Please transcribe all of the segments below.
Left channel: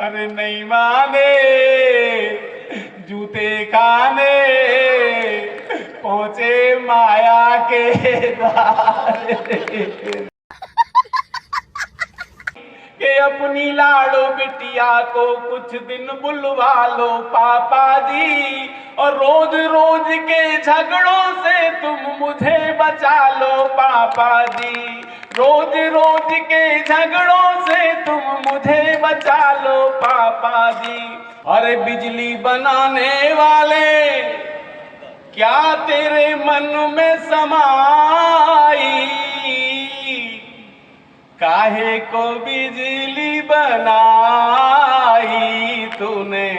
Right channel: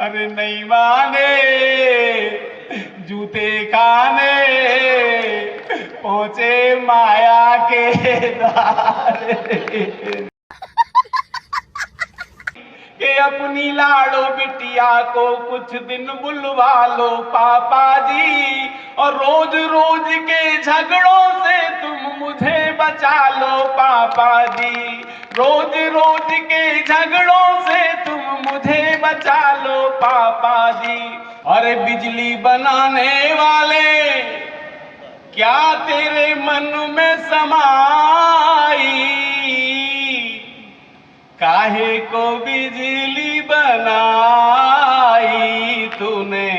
अरे नहीं माने जूते खाने पहुंचे माया के द्वार के अपनी लाडो बिटिया को कुछ दिन बुलवा लो पापा जी, और रोज रोज के झगड़ों से तुम मुझे बचा लो पापा जी, रोज रोज के झगड़ों से तुम मुझे बचा लो पापा जी। अरे बिजली बनाने वाले क्या तेरे मन में समाई, काहे को बिजली बनाई तूने,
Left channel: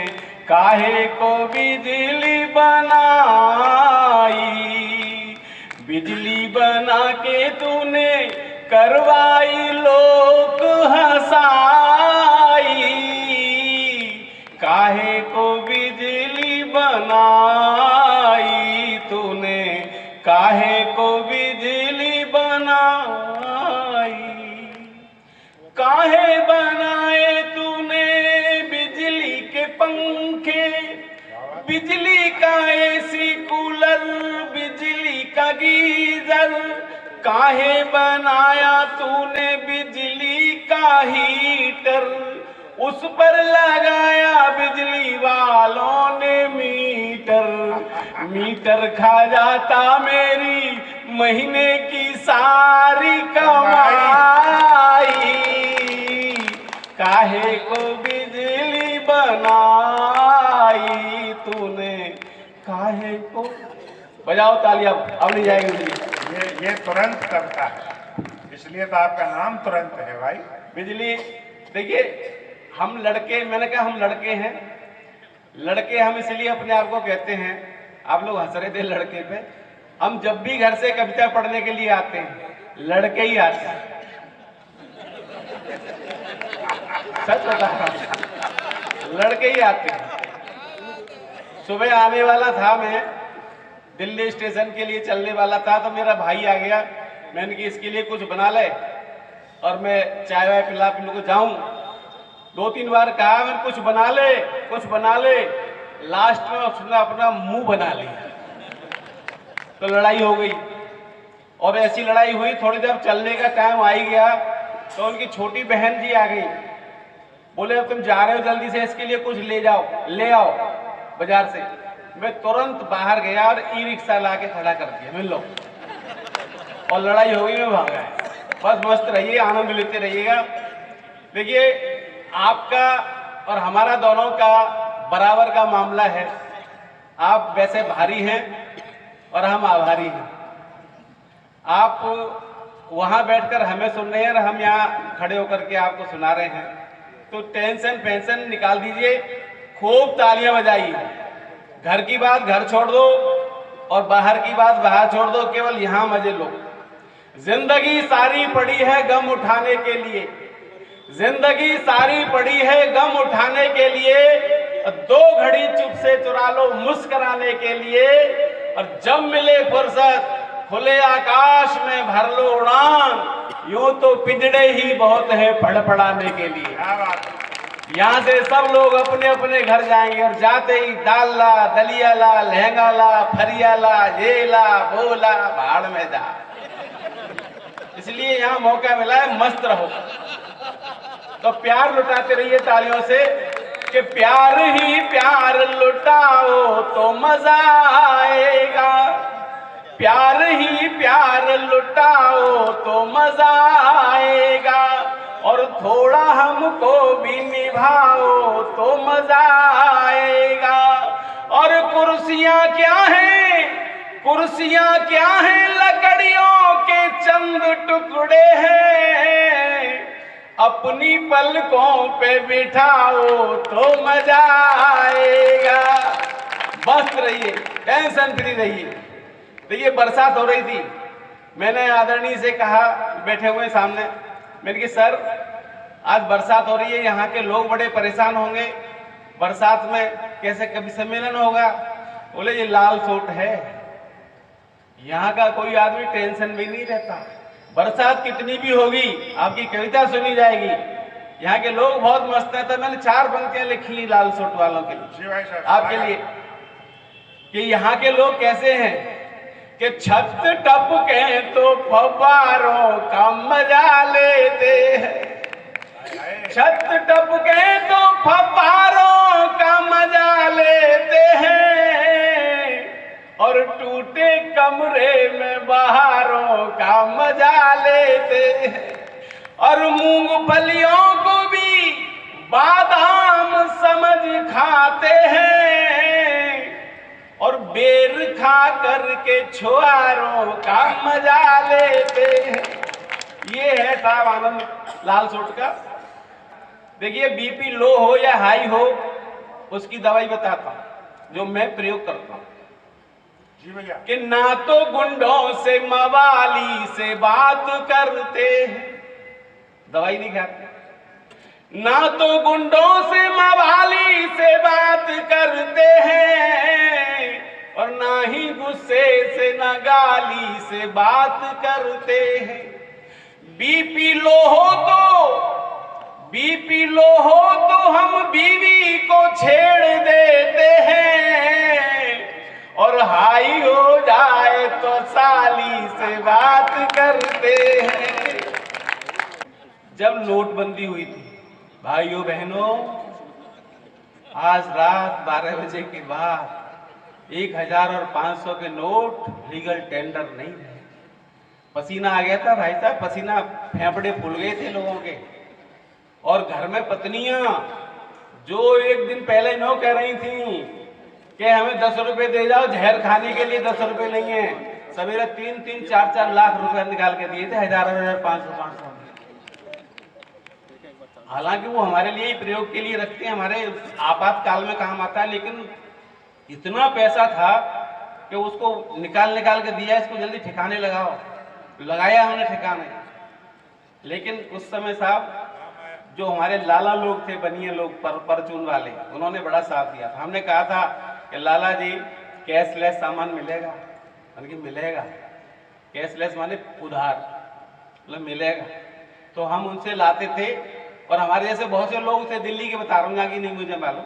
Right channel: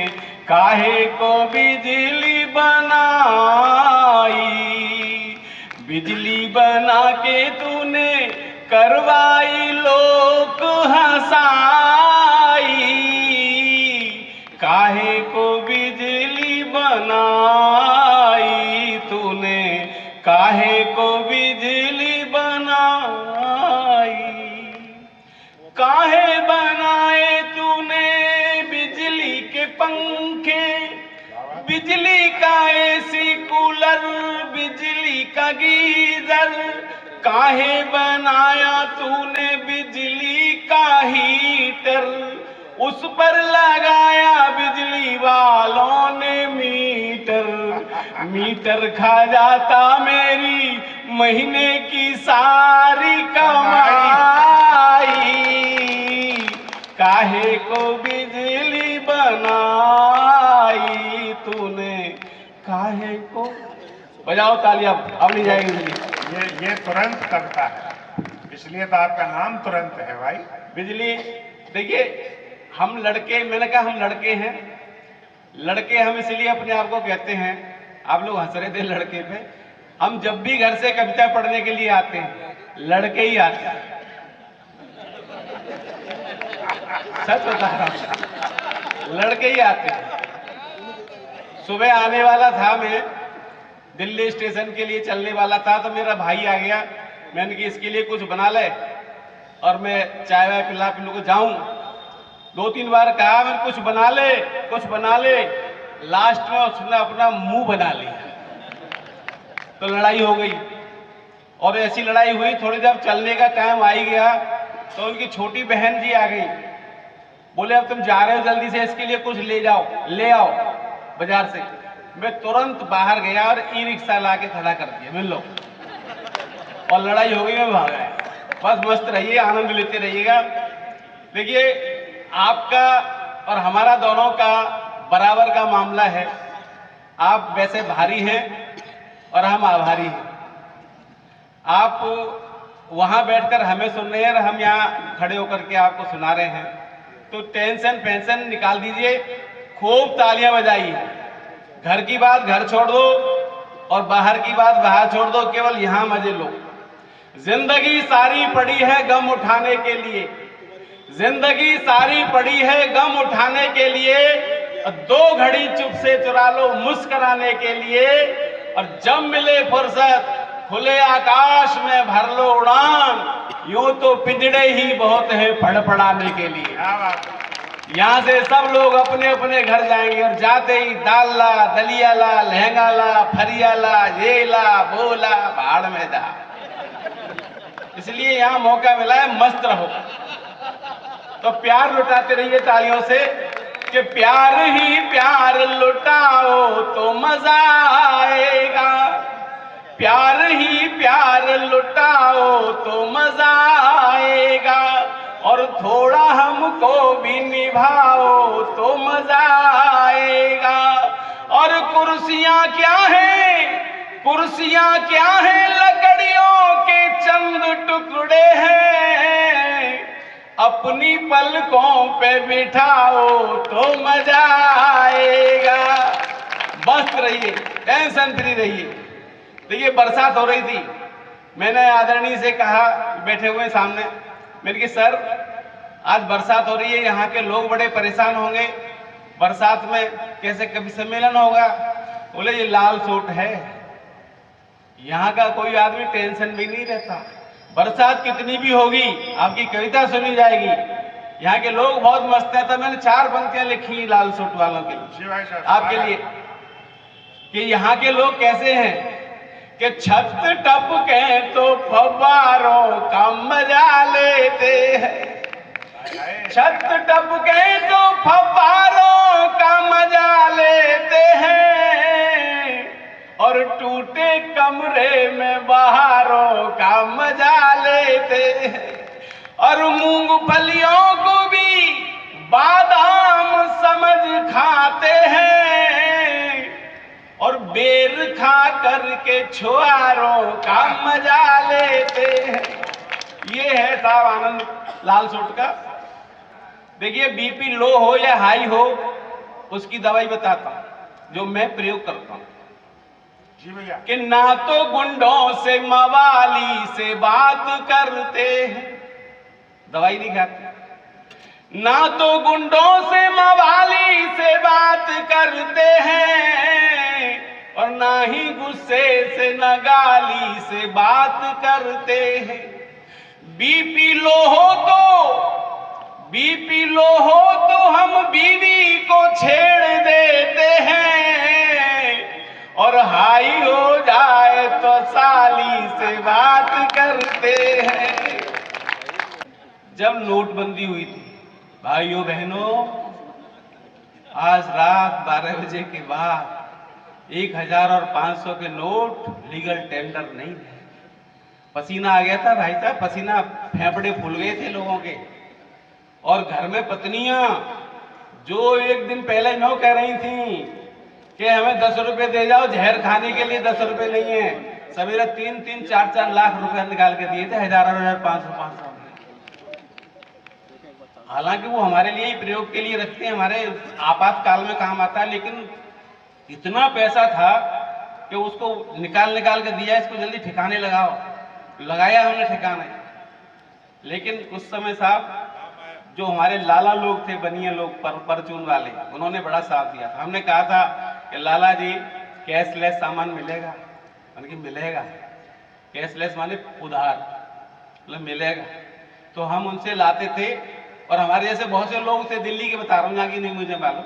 काहे को बिजली बनाई, बिजली बना के तूने करवाई लोक हंसाई, काहे को बिजली बनाई तूने, काहे को बिजली बनाई, काहे बनाए तूने बिजली के पंखे, बिजली का एसी कूलर, बिजली का गीजर, काहे बनाया तूने बिजली का हीटर, उस पर लगाया बिजली वालों ने मीटर, मीटर खा जाता मेरी महीने की सारी कमाई, काहे को बिजली बनाई तूने, काहे को। बजाओ तालियां, अब नहीं जाएगी बिजली। ये तुरंत करता है, इसलिए तो आपका नाम तुरंत है भाई। बिजली देखिए, हम लड़के, मैंने कहा हम लड़के हैं, लड़के हम इसलिए अपने आप को कहते हैं, आप लोग हंस रहे थे लड़के पे, हम जब भी घर से कविता पढ़ने के लिए आते हैं लड़के ही आते हैं, सच बता रहा हूं, लड़के ही आते हैं। सुबह आने वाला था, मैं दिल्ली स्टेशन के लिए चलने वाला था, तो मेरा भाई आ गया, मैंने कि इसके लिए कुछ बना ले और मैं चाय वाय पिला पिलू को जाऊं। 2-3 बार कहा मैं कुछ बना ले, कुछ बना ले, लास्ट में उसने अपना मुंह बना लिया, तो लड़ाई हो गई। और ऐसी लड़ाई हुई, थोड़ी देर चलने का टाइम आ ही गया, तो उनकी छोटी बहन जी आ गई, बोले अब तुम जा रहे हो जल्दी से इसके लिए कुछ ले जाओ, ले आओ बाजार से। मैं तुरंत बाहर गया और ई रिक्शा ला के खड़ा कर दिया, मिल लो, और लड़ाई हो गई, मैं भाग गया। बस मस्त रहिए, आनंद लेते रहिएगा। देखिए, आपका और हमारा दोनों का बराबर का मामला है। आप वैसे भारी हैं और हम आभारी हैं। आप वहां बैठकर हमें सुन रहे हैं और हम यहाँ खड़े होकर के आपको सुना रहे हैं, तो टेंशन पेंशन निकाल दीजिए, खूब तालियां बजाइए। घर की बात घर छोड़ दो और बाहर की बात बाहर छोड़ दो, केवल यहां मजे लो। जिंदगी सारी पड़ी है गम उठाने के लिए, जिंदगी सारी पड़ी है गम उठाने के लिए, 2 घड़ी चुप से चुरा लो मुस्कुराने के लिए, और जब मिले फुर्सत खुले आकाश में भर लो उड़ान, यूं तो पिंजड़े ही बहुत है फड़फड़ाने के लिए। यहाँ से सब लोग अपने अपने घर जाएंगे, और जाते ही दाल ला, दलिया ला, लहंगा ला, फरिया ला, ये ला, वो ला, भाड़ में जा। इसलिए यहाँ मौका मिला है, मस्त रहो। तो प्यार लुटाते रहिए तालियों से, कि प्यार ही प्यार लुटाओ तो मजा आएगा, प्यार ही प्यार लुटाओ तो मजा आएगा, और थोड़ा हमको भी निभाओ तो मजा आएगा। और कुर्सियां क्या है, कुर्सियां क्या है, लकड़ियों के चंद टुकड़े हैं, अपनी पलकों पे बिठाओ तो मजा आएगा। मस्त रहिए, टेंशन फ्री रहिए। देखिए, बरसात हो रही थी, मैंने आदरणीय से कहा, बैठे हुए सामने, मैंने कहा सर आज बरसात हो रही है, यहाँ के लोग बड़े परेशान होंगे, बरसात में कैसे कभी सम्मेलन होगा। बोले ये लाल सूट है, यहाँ का कोई आदमी टेंशन में नहीं रहता, बरसात कितनी भी होगी आपकी कविता सुनी जाएगी। यहाँ के लोग बहुत मस्त हैं। तो मैंने 4 पंक्तियां लिखी लाल सूट वालों के लिए, जी भाई साहब, आपके लिए, कि यहाँ के लोग कैसे हैं कि छत टपके तो फव्वारों का मजा लेते हैं, छत टपके तो फव्वारों का मजा लेते हैं, और टूटे कमरे में बहारों का मजा लेते हैं, और मूंगफलियों को भी बादाम समझ खाते हैं, और बेर खा करके छुआरों का मजा लेते हैं। ये है साहब आनंद लाल सूट का। देखिए बीपी लो हो या हाई हो, उसकी दवाई बताता हूं जो मैं प्रयोग करता हूं। जी भैया, कि ना तो गुंडों से मवाली से बात करते हैं, दवाई नहीं खाते, ना तो गुंडों से मवाली से बात करते हैं, और ना ही गुस्से से न गाली से बात करते हैं। बीपी लो हो तो हम बीवी को छेड़ देते हैं, और हाई हो जाए तो साली से बात करते हैं। जब नोटबंदी हुई थी भाइयों बहनों, आज रात 12 बजे के बाद 1000 और 500 के नोट लीगल टेंडर नहीं थे। पसीना आ गया था भाई साहब, पसीना, फेफड़े फूल गए थे लोगों के। और घर में पत्नियां जो एक दिन पहले नो कह रही थी कि हमें 10 रुपए दे जाओ, जहर खाने के लिए 10 रुपए नहीं है, सवेरे 3-3, 4-4 लाख रुपए निकाल के दिए थे, 1000 500। हालांकि वो हमारे लिए ही प्रयोग के लिए रखते हैं, हमारे आपातकाल में काम आता है, लेकिन इतना पैसा था कि उसको निकाल के दिया, इसको जल्दी ठिकाने लगाओ, लगाया हमने ठिकाने। लेकिन उस समय साहब जो हमारे लाला लोग थे, बनिया लोग, परचून वाले, उन्होंने बड़ा साथ दिया था। हमने कहा था कि लाला जी कैशलेस सामान मिलेगा, मैंने कि मिलेगा, कैशलेस माने उधार, मतलब मिलेगा। तो हम उनसे लाते थे, और हमारे जैसे बहुत से लोग थे, दिल्ली के बता रहा हूँ, यहाँ की नहीं मुझे मालूम,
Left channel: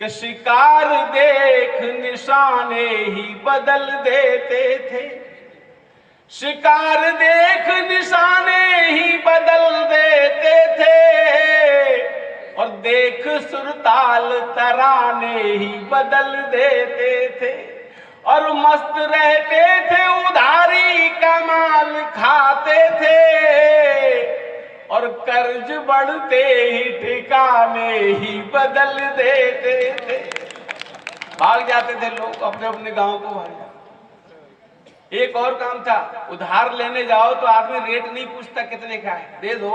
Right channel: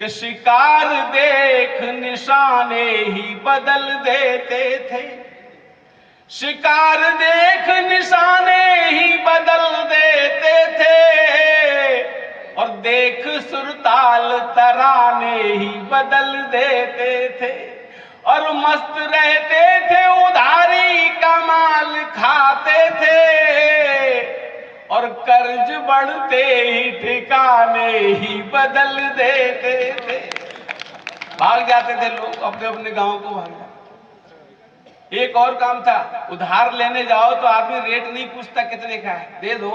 कि शिकार देख निशाने ही बदल देते थे, शिकार देख निशाने ही बदल देते थे, और देख सुरताल तराने ही बदल देते थे, और मस्त रहते थे, उधारी का माल खाते थे, और कर्ज बढ़ते ही ठिकाने ही बदल देते थे। भाग जाते थे लोग अपने अपने गांव को भाग। एक और काम था, उधार लेने जाओ तो आदमी रेट नहीं पूछता कितने का है, दे दो।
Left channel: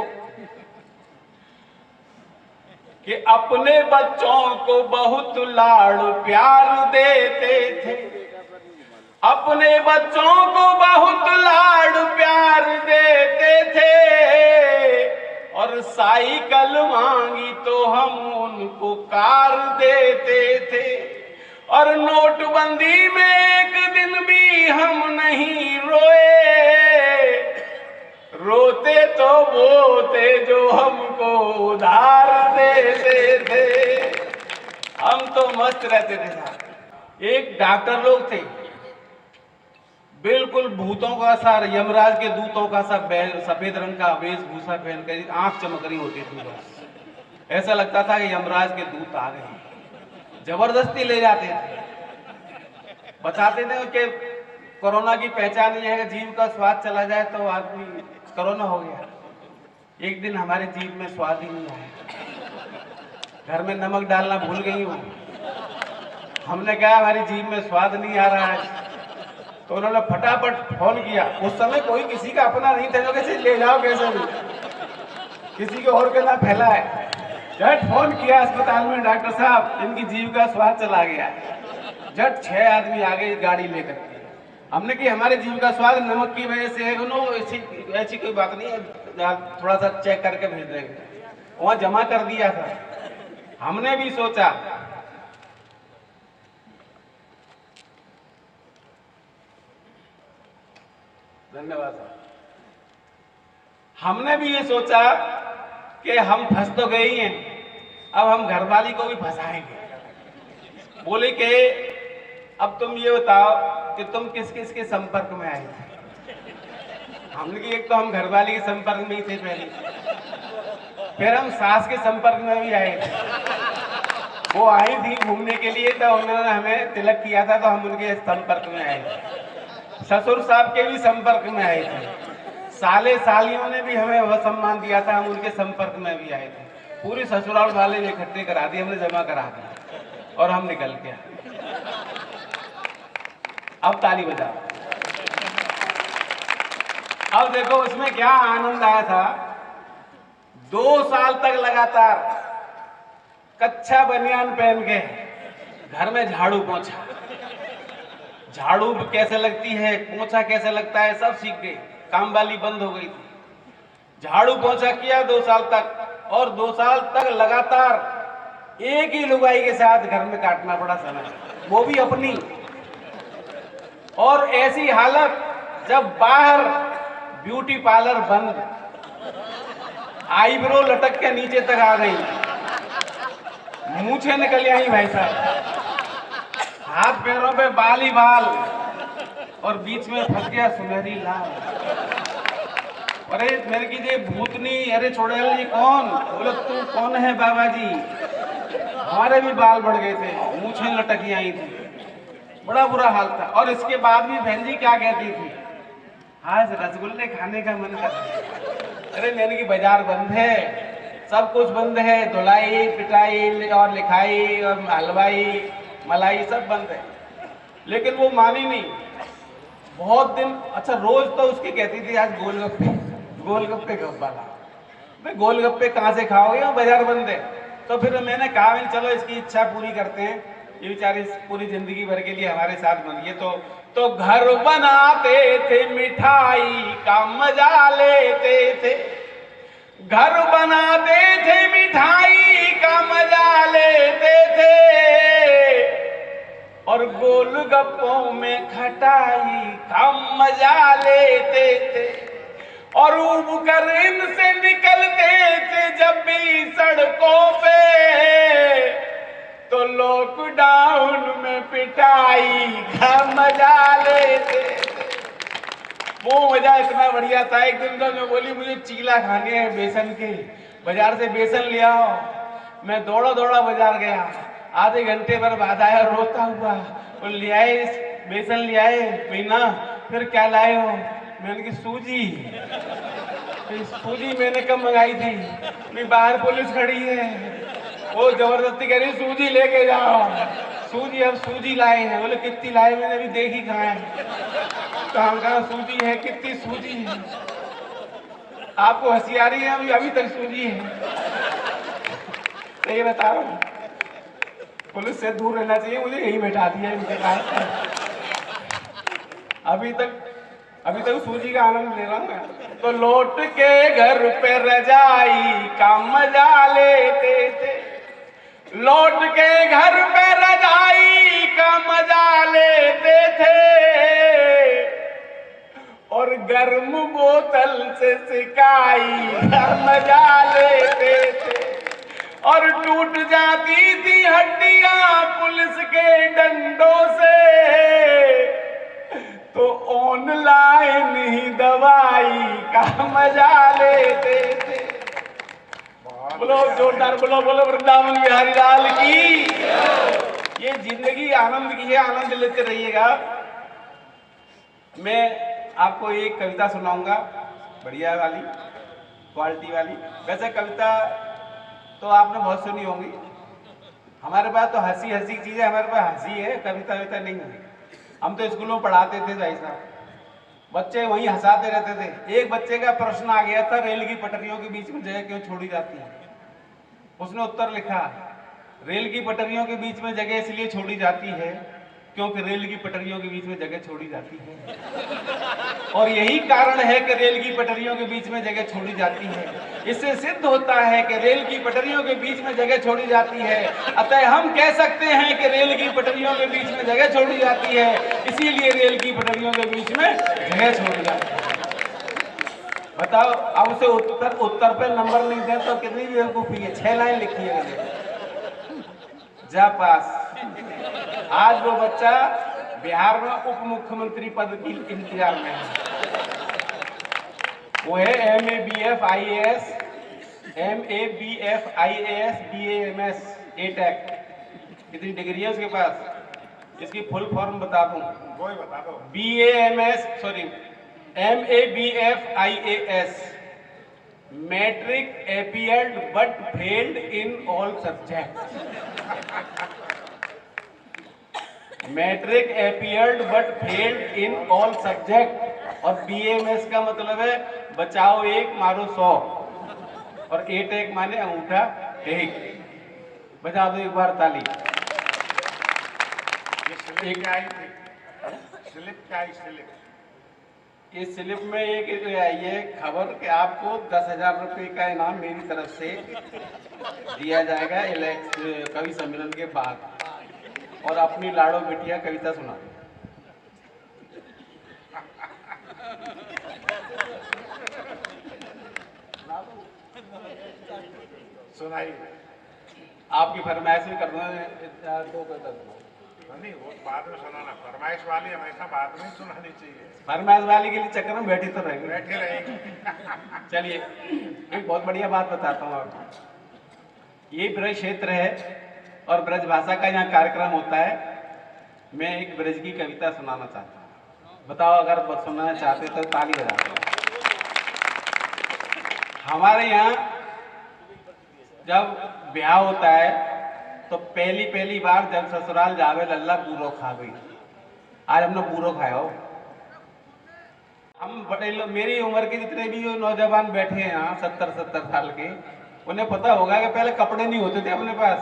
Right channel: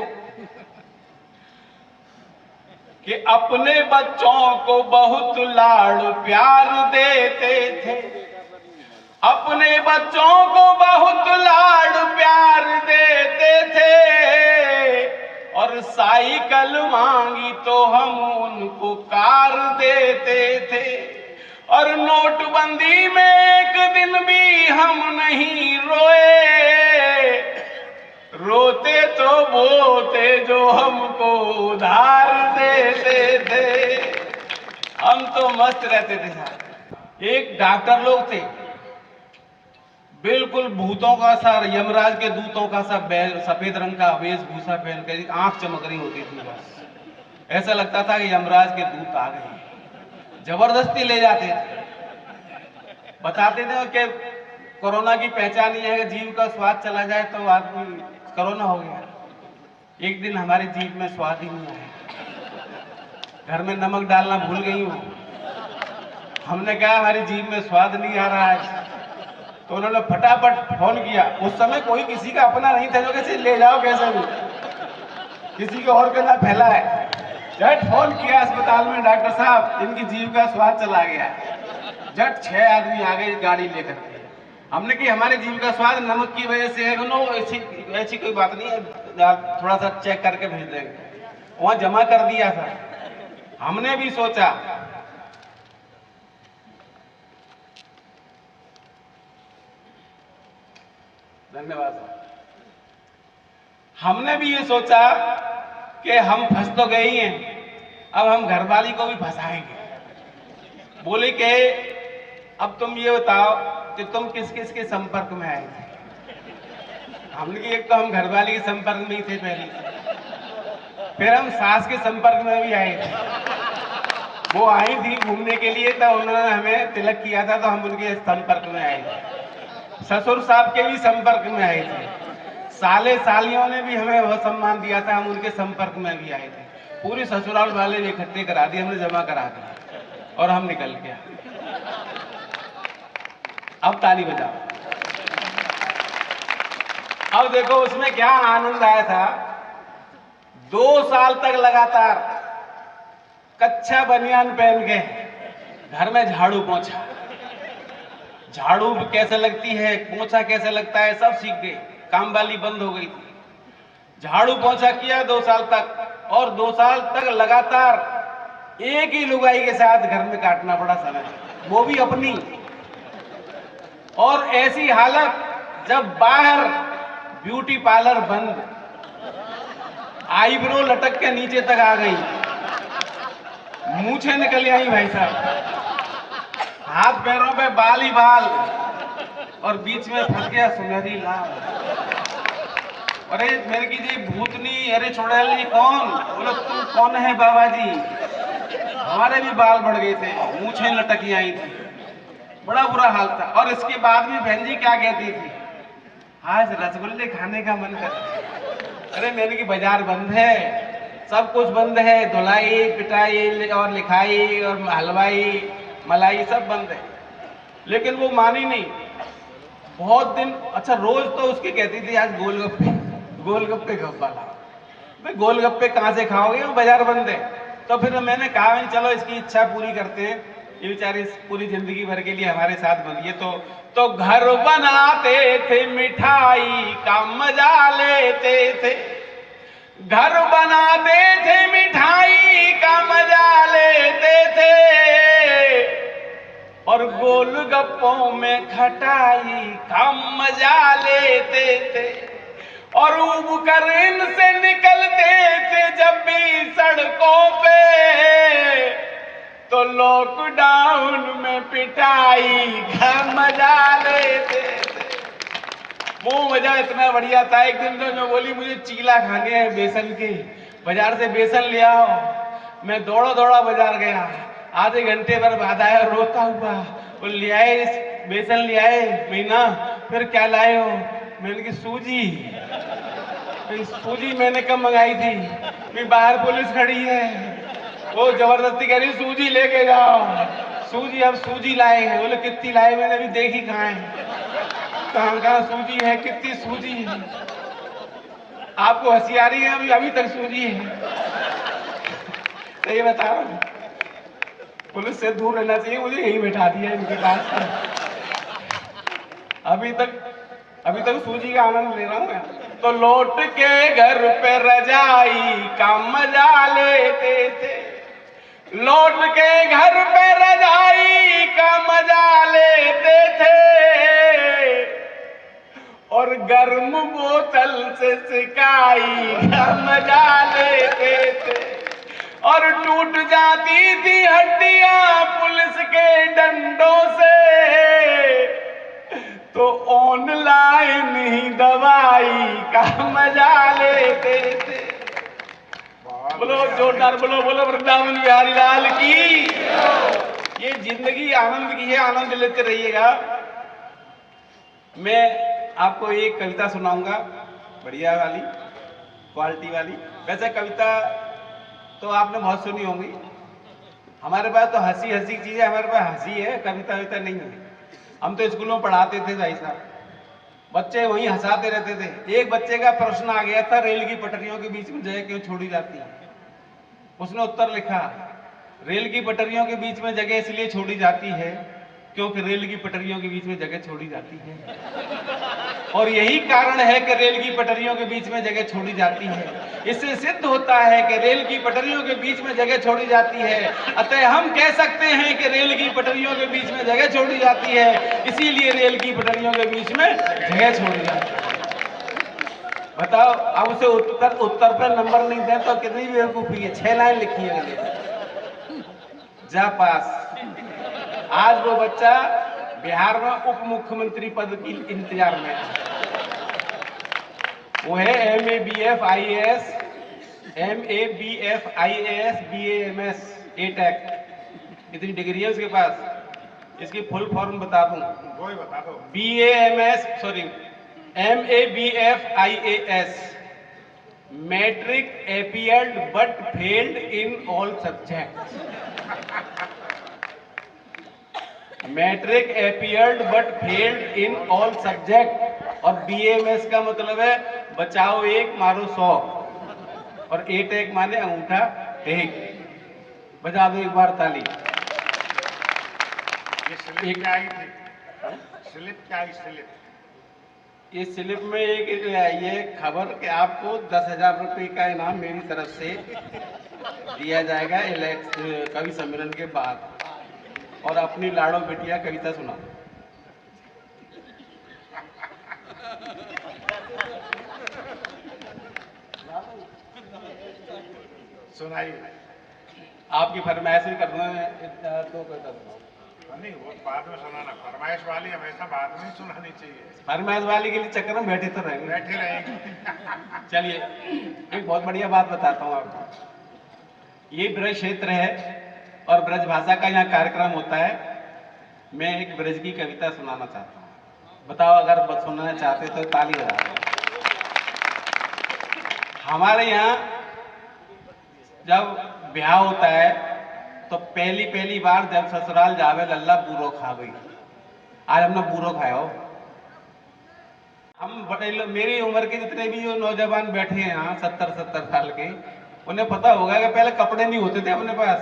कि अपने बच्चों को बहुत लाड़ प्यार देते थे, अपने बच्चों को बहुत लाड़ प्यार देते थे, और साइकिल मांगी तो हम उनको कार देते थे, और नोटबंदी में एक दिन भी हम नहीं रोए, रोते तो वो थे जो हमको उधार देते थे। हम तो मस्त रहते थे साहब। एक डॉक्टर लोग थे, बिल्कुल भूतों का सा, यमराज के दूतों का सा सफेद रंग का वेशभूषा पहन कर, आंख चमक रही होती थी, ऐसा लगता था कि यमराज के दूत आ गए। जबरदस्ती ले जाते थे, बताते थे कि कोरोना की पहचान ये है कि जीभ का स्वाद चला जाए तो आदमी कोरोना हो गया। एक दिन हमारे जीभ में स्वाद ही नहीं आया, घर में नमक डालना भूल गई हूँ। हमने कहा हमारी जीभ में स्वाद नहीं आ रहा है, तो उन्होंने फटाफट फोन किया। उस समय कोई किसी का अपना नहीं था जो कैसे ले जाओ, कैसे भी किसी को और का ना फैला है। झट फोन किया अस्पताल में, डॉक्टर साहब इनकी जीभ का स्वाद चला गया। झट 6 आदमी आ गए गाड़ी लेकर के। हमने कि हमारे जीभ का स्वाद नमक की वजह से है, नो ऐसी कोई बात नहीं है, थोड़ा सा चेक करके भेज देंगे। वहां जमा कर दिया था। हमने भी सोचा धन्यवाद। हमने भी ये सोचा कि हम फंस तो गए ही हैं, अब हम घरवाली को भी फंसाएंगे। बोले कि अब तुम ये बताओ कि तुम किस किस के संपर्क में आए थे। हमने कि एक तो हम घरवाली के संपर्क में ही थे पहले, फिर हम सास के संपर्क में भी आए थे। वो आई थी घूमने के लिए, तो उन्होंने हमें तिलक किया था, तो हम उनके संपर्क में आए थे। ससुर साहब के भी संपर्क में आए थे। साले सालियों ने भी हमें वह सम्मान दिया था, हम उनके संपर्क में भी आए थे। पूरी ससुराल वाले ने इकट्ठे करा दिए, हमने जमा करा दिया और हम निकल के आए। अब ताली बजाओ। अब देखो उसमें क्या आनंद आया था। 2 साल तक लगातार कच्चा बनियान पहन के घर में झाड़ू पोंछा, झाड़ू कैसे लगती है, पोंछा कैसे लगता है, सब सीख गए। काम वाली बंद हो गई थी। झाड़ू पोंछा किया 2 साल तक, और 2 साल तक लगातार एक ही लुगाई के साथ घर में काटना पड़ा समय, वो भी अपनी। और ऐसी हालत जब बाहर ब्यूटी पार्लर बंद, आईब्रो लटक के नीचे तक आ गई, मूछें निकल आई भाई साहब, हाथ पैरों पे बाल ही बाल, और बीच में फंस गया सुनहरी लाल। अरे मैंने की ये भूतनी, अरे छोड़े ये कौन? बोले तू कौन है बाबा जी? हमारे भी बाल बढ़ गए थे, मूछें लटकी आई थी, बड़ा बुरा हाल था। और इसके बाद भी बहन जी क्या कहती थी, आज रसगुल्ले खाने का मन कर। अरे मैंने की बाजार बंद है, सब कुछ बंद है, धुलाई पिटाई और लिखाई और हलवाई मलाई सब बंद है। लेकिन वो मानी नहीं, बहुत दिन। अच्छा रोज तो उसकी कहती थी आज गोलगप्पे, गोलगप्पे गप्पा लाओ। भाई गोलगप्पे कहाँ से खाओगे, वो बाजार बंद है। तो फिर मैंने कहा चलो इसकी इच्छा पूरी करते हैं, ये बेचारी पूरी जिंदगी भर के लिए हमारे साथ बनी है। तो घर बनाते थे, मिठाई का मजा लेते थे, घर बनाते थे, मिठाई का मजा लेते थे, और गोलगप्पों में खटाई का मजा लेते थे, और उब कर इनसे निकलते थे जब भी सड़कों पे, तो लॉकडाउन में पिटाई का मजा लेते थे। वो मजा इतना बढ़िया था। एक दिन जो बोली मुझे चीला खाने हैं बेसन के, बाजार से बेसन ले आओ। मैं दौड़ा दौड़ा बाजार गया, आधे घंटे पर बाद आया रोता हुआ। वो ले आए, बेसन ले आए, मीना फिर क्या लाए हो? मैंने की सूजी। सूजी मैंने कब मंगाई थी, मैं बाहर पुलिस खड़ी है, वो जबरदस्ती कह रही सूजी लेके जाओ। सूजी, अब सूजी लाए हैं। बोले कितनी लाए? मैंने अभी देखी कहाँ है, कहाँ सूजी है, कितनी सूजी है? आपको हंसी आ रही है? अभी तक सूजी है। तो ये बता रहा हूँ, पुलिस से दूर रहना चाहिए, मुझे यही बैठा दिया इनके पास। अभी तक सूजी का आनंद ले रहा हूँ मैं। तो लौट के घर पे रजाई का मजा लेते थे, लौट के घर पे रजाई का मजा लेते थे, और गर्म बोतल से सिकाई का मजा लेते थे, और टूट जाती थी हड्डियां पुलिस के डंडों से, तो ऑनलाइन ही दवाई का मजा लेते थे। बोलो जोरदार बोलो, बोलो वृंदावन बिहारी लाल की। ये जिंदगी आनंद की है, आनंद लेते रहिएगा। मैं आपको एक कविता सुनाऊंगा, बढ़िया वाली, क्वालिटी वाली। वैसे कविता तो आपने बहुत सुनी होगी, हमारे पास तो हंसी हंसी चीजें, हमारे पास हंसी है, कविता विता नहीं है। हम तो स्कूलों में पढ़ाते थे भाई साहब, बच्चे वहीं हंसाते रहते थे। एक बच्चे का प्रश्न आ गया था, रेल की पटरियों के बीच में जगह क्यों छोड़ी जाती है? उसने उत्तर लिखा, रेल की पटरियों के बीच में जगह इसलिए छोड़ी जाती है क्योंकि रेल की पटरियों के बीच में जगह छोड़ी जाती है, और यही कारण है कि रेल की पटरियों के बीच में जगह छोड़ी जाती है। इससे सिद्ध होता है कि रेल की पटरियों के बीच में जगह छोड़ी जाती है, अतः हम कह सकते हैं कि रेल की पटरियों के बीच में जगह छोड़ी जाती है, इसीलिए रेल की पटरियों के बीच में जगह छोड़ी जाती है। बताओ, अब उसे उत्तर पे नंबर नहीं दे तो कितनी बेवकूफी है। 6 लाइन लिखी है मैंने, जा पास। आज वो बच्चा बिहार में उप मुख्यमंत्री पद की इंतजार में है। वो है MABF IAS, BAMS, A-Tech। इतनी डिग्री है उसके पास। इसकी फुल फॉर्म बता दूं, वो ही बता दो। MABF IAS, matric appeared but failed in all subjects। Matric appeared but failed in all subject। और BAMS का मतलब है बचाओ 1 मारो 100, और A-Tech माने अंगूठा टेक। बजा दो एक बार ताली। ये स्लिप क्या आई थी? स्लिप क्या आई? स्लिप इस स्लिप में एक ये खबर कि आपको 10,000 रुपये का इनाम मेरी तरफ से दिया जाएगा कवि सम्मेलन के बाद। और अपनी लाड़ो बिटिया कविता सुना। सुनाई। आपकी फरमाइश भी कर दूंगा, 2 कविता सुनाओ। नहीं, वो बाद में सुनाना। फरमाइश वाली हमेशा बाद में सुनानी चाहिए। फरमाइश वाली के लिए चक्कर में बैठे तो रहेंगे। बैठे रहेंगे। चलिए, एक बहुत बढ़िया बात बताता हूँ आपको। ये ब्रज क्षेत्र है और ब्रज भाषा का यहाँ कार्यक्रम होता है। मैं एक ब्रज की कविता सुनाना चाहता हूँ। बताओ अगर सुनना चाहते तो ताली बजा दो। हमारे यहाँ जब ब्याह होता है तो पहली बार जब ससुराल जावे लल्ला पूरो खा गई। आज हमने पूरो खाया हो। हम बड़े लोग, मेरी उम्र के जितने भी जो नौजवान बैठे हैं यहाँ 70 साल के, उन्हें पता होगा कि पहले कपड़े नहीं होते थे अपने पास,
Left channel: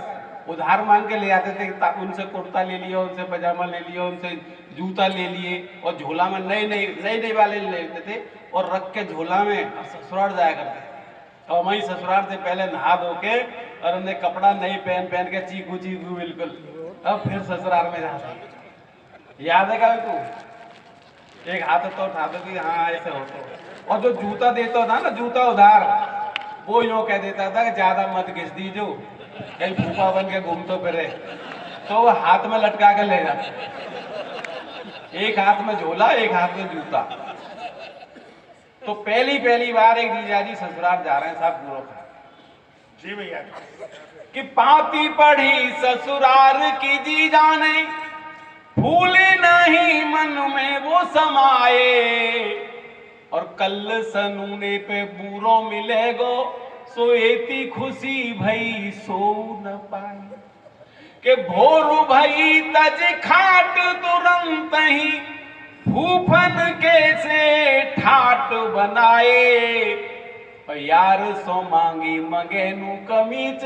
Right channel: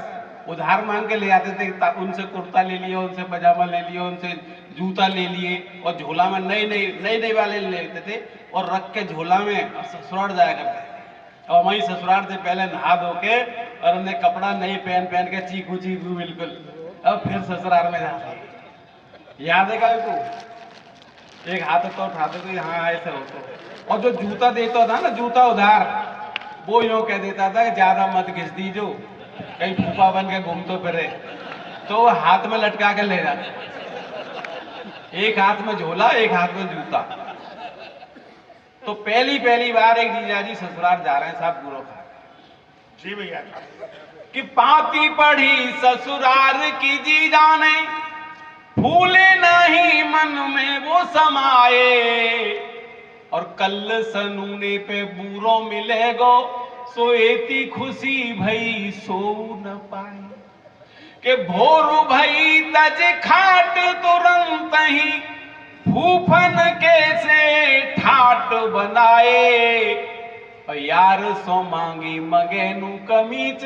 उधार मांग के ले आते थे। उनसे कुर्ता ले लिया, उनसे पजामा ले लिया, उनसे जूता ले लिए, और झोला में नए वाले ले लेते थे और रख के झोला में ससुराल जाया करते थे। और वहीं ससुराल से पहले नहा धो के और उन्हें कपड़ा नहीं पहन के चीकू बिल्कुल, अब फिर ससुराल में जाते। याद है क्या को? एक हाथ तो उठाते थे, हाँ ऐसे होते। और जो जूता देता था ना, जूता उधार, वो यूँ कह देता था कि ज्यादा मत घिस दीजो, कहीं फूफा बन के घूमते फिरे, तो वो हाथ में लटका के ले जाते। एक हाथ में झोला, एक हाथ में जूता। तो पहली बार एक जीजाजी ससुराल जा रहे हैं साहब, पूरा खा। जी भैया। कि पाती पढ़ी ससुराल की जीजा ने, फूले नहीं मन में वो समाए, और कल सनूने पे बूरो मिलेगो, सोएती खुशी भई सो न पाए। के भोर भई तज खाट तुरंत ही, फूफन के से ठाट बनाए, और यार सो मांगी मगेनु कमीज,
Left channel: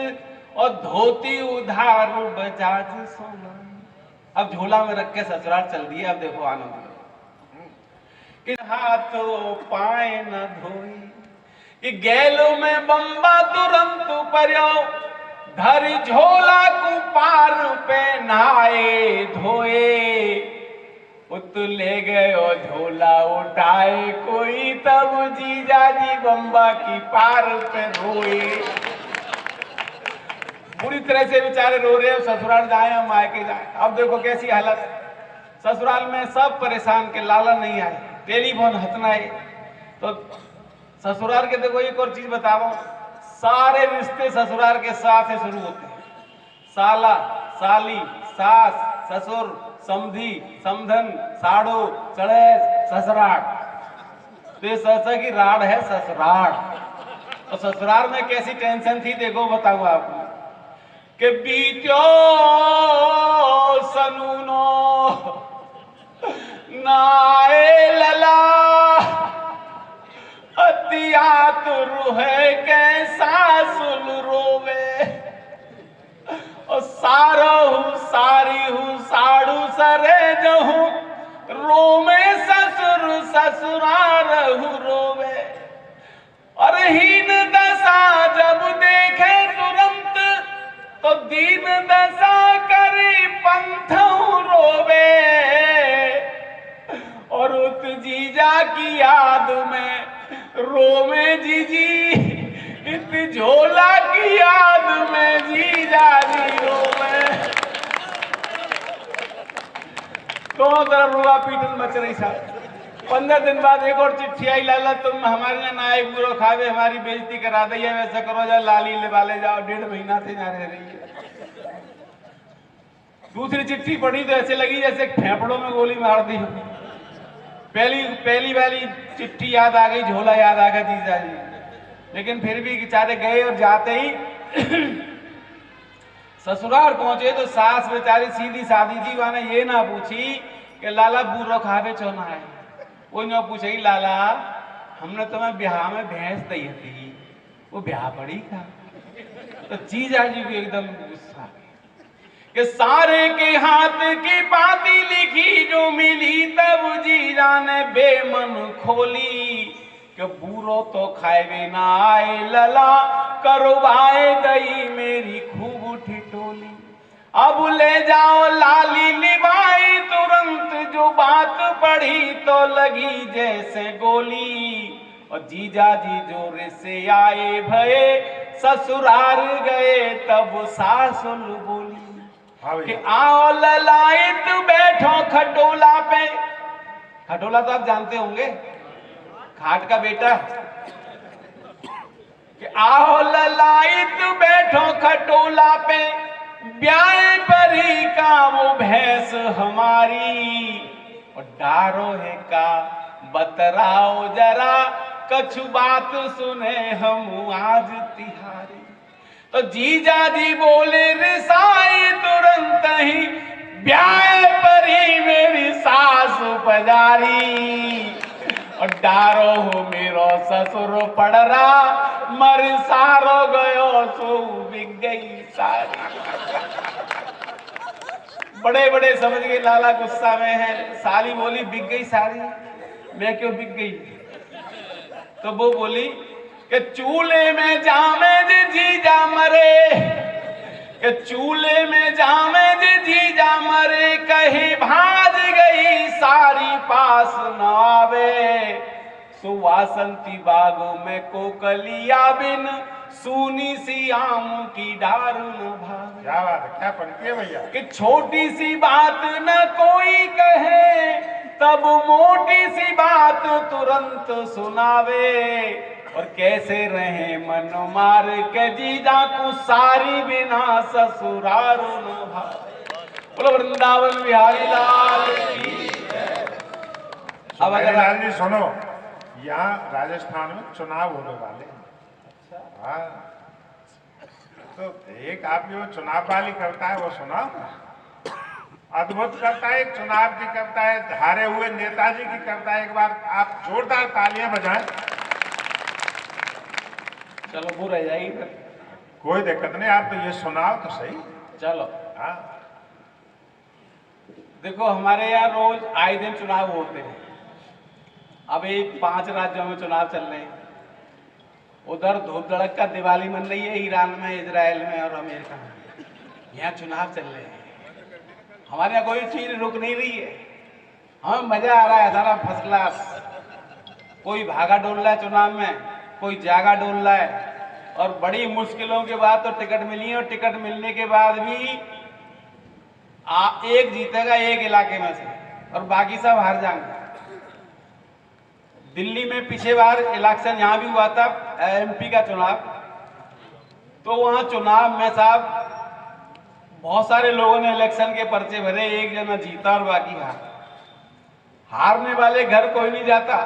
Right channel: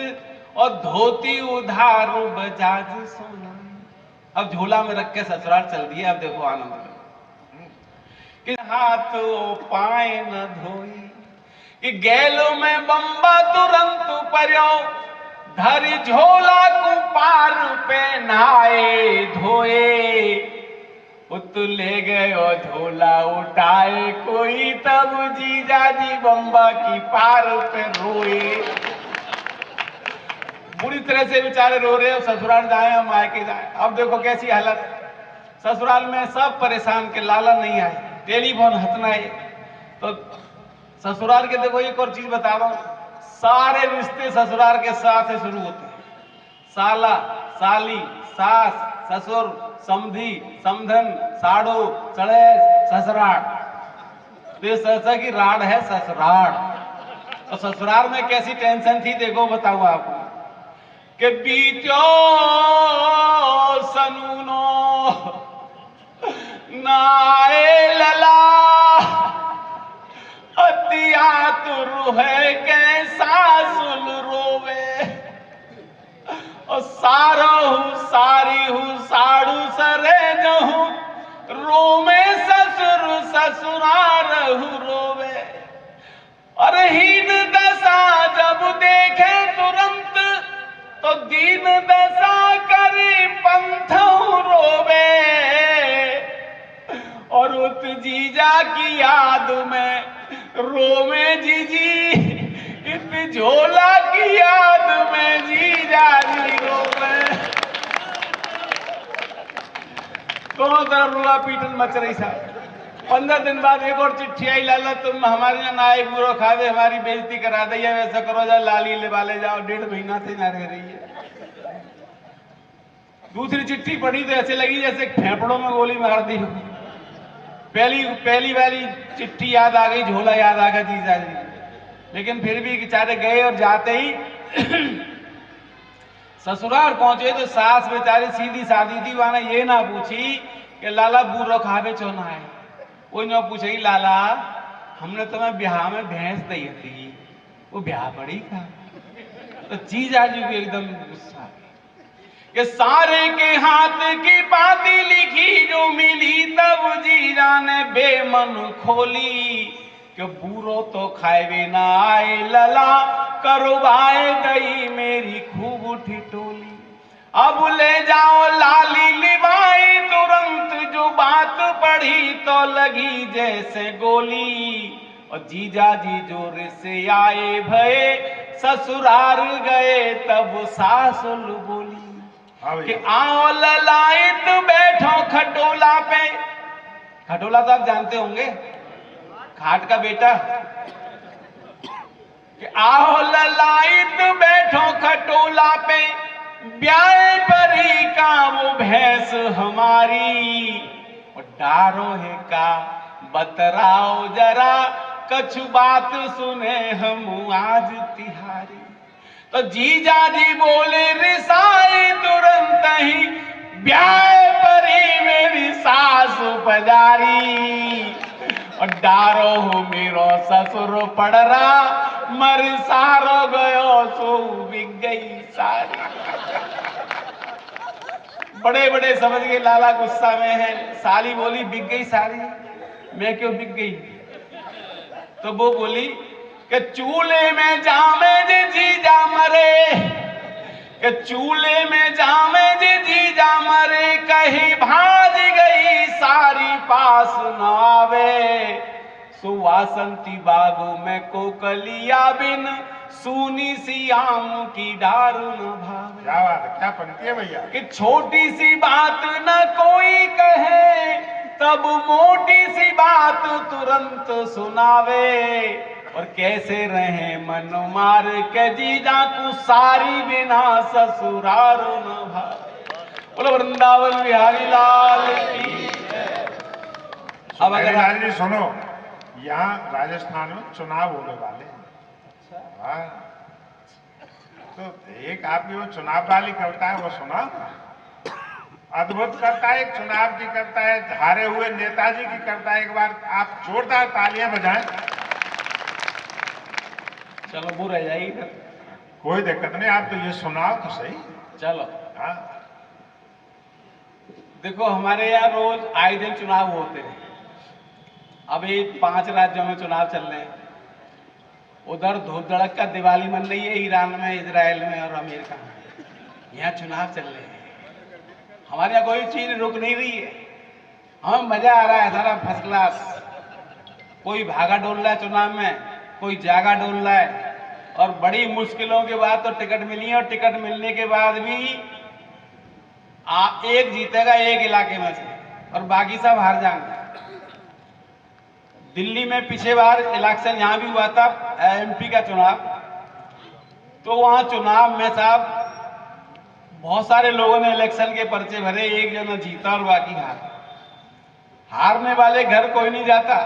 और धोती उधार बजाज सोना। अब झोला में रख के ससुराल चल दिए। अब देखो आनंद में कि हाथ पाए न धोई, कि गैलो में बम्बा तुरंत पर्यो, धर झोला कुपार पे नहाए धोए, उत ले गयो झोला उठाए कोई, तब जीजाजी बम्बा की पार पे रोए। पूरी तरह से बेचारे रो रहे हैं। ससुराल जाए मायके जाए, अब देखो कैसी हालत। ससुराल में सब परेशान के लाला नहीं आए, टेलीफोन हंसना है। तो ससुराल के देखो एक और चीज बता रहा हूं, सारे रिश्ते ससुराल के साथ से शुरू होते हैं। साला, साली, सास, ससुर, समधी, समधन, साड़ू, चढ़ेस, ससुराल। तो ये ससा की राड है ससुराल। तो ससुराल में कैसी टेंशन थी देखो, बताऊं आपको। के बीत्यो सनूनो नाए लला, अतिया तुर है कैसा सुल रोवे, और सारी हूँ साड़ू सरे जो हूँ, रोमे ससुर ससुरार हूँ रोवे। अरे हीन दशा जब देखे तुरंत, तो दीन दशा करी पंथ रोवे, और उस जीजा की याद में रोवे जीजी इस झोला की याद में जीजा जी रोवे। दोनों तरफ रुआ पीटन मच रही साहब। 15 दिन बाद एक और चिट्ठी आई, लाला तुम हमारे यहाँ नायक बुरो खावे हमारी बेइज्जती करा दी, ऐसा करो जा लाली ले जाओ, 1.5 महीना से यहाँ रह रही है। दूसरी चिट्ठी पढ़ी तो ऐसे लगी जैसे फेफड़ों में गोली मार दी। पहली वाली चिट्ठी याद आ गई, झोला याद आ गया जीजा जी। लेकिन फिर भी बेचारे गए और जाते ही ससुराल पहुंचे तो सास बेचारी सीधी सादी थी, वहां ये ना पूछी कि लाला बुरो खावे चौना है, वो न पूछे लाला हमने तुम्हें ब्याह में भैंस दी थी, वो ब्याह पड़ी था। तो जीजा जी भी एकदम गुस्सा कि सारे के हाथ की पाती लिखी जो मिली, तब जीजा ने बेमन खोली कि बूरो तो खाए ना आए लला, करवाए गई मेरी खूब ठिठोली। अब ले जाओ लाली लिवाए तुरंत, जो बात पढ़ी तो लगी जैसे गोली। और जीजा जी जोर से आए भये, ससुराल गए तब सासुल बोली कि आओ ललायत बैठो खटोला पे। खटोला तो आप जानते होंगे, खाट का बेटा। कि आओ ललायत बैठो खटोला पे, ब्याह परी का वो भैंस हमारी। और डारो है का बतराओ जरा, कछु बात सुने हम आज तिहारी। तो जीजा जी बोले रिसाए तुरंत ही, ब्याह परी मेरी सासु पजारी। और डारो हो मेरो ससुरो पड़रा, मर सारो गयो सो बिक गई सारी। बड़े बड़े समझ गए लाला गुस्सा में है। साली बोली बिक गई सारी, मैं क्यों बिक गई? तो वो बोली कि चूल्हे में जामे जे जीजा मरे, कि चूल्हे में जामे जे जीजा मरे, कहीं भाज गई सारी पास न आवे। सुवासंती बागों में कोकलिया बिन, सूनी सी आम की डार न भावे। क्या बात है, क्या पंक्ति है भैया। कि छोटी सी बात न कोई कहे, तब मोटी सी बात तुरंत सुनावे। और कैसे रहे मन मार के जीजा को, सारी बिना ससुराल न भावे। बोलो वृंदावन बिहारी लाल की। अब अगर लाल जी सुनो, यहाँ राजस्थान में चुनाव होने वाले हैं। हाँ, तो एक आपकी वो चुनाव वाली कविता है वो सुना, अद्भुत करता है। एक चुनाव की कविता है, हारे हुए नेताजी की कविता है। एक बार आप जोरदार तालियां बजाएं। चलो वो रह जाएगी फिर, कोई दिक्कत नहीं, आप तो ये सुनाओ तो सही। चलो। हाँ, देखो हमारे यहाँ रोज आए दिन चुनाव होते हैं। अभी 5 राज्यों में चुनाव चल रहे हैं। उधर धूप धड़क का दिवाली मन रही है, ईरान में, इजराइल में और अमेरिका में। यहाँ चुनाव चल रहे हैं। हमारे यहाँ कोई चीज रुक नहीं रही है, हमें मजा आ रहा है सारा फर्स्ट क्लास। कोई भागा डोल रहा है चुनाव में, कोई जागा डोल रहा है। और बड़ी मुश्किलों के बाद तो टिकट मिली है, और टिकट मिलने के बाद भी एक जीतेगा एक इलाके में से, और बाकी सब हार जाएंगे। दिल्ली में पिछले बार इलेक्शन यहाँ भी हुआ था, एमपी का चुनाव। तो वहां चुनाव में साहब बहुत सारे लोगों ने इलेक्शन के पर्चे भरे, एक जना जीता और बाकी हारने वाले घर कोई नहीं जाता।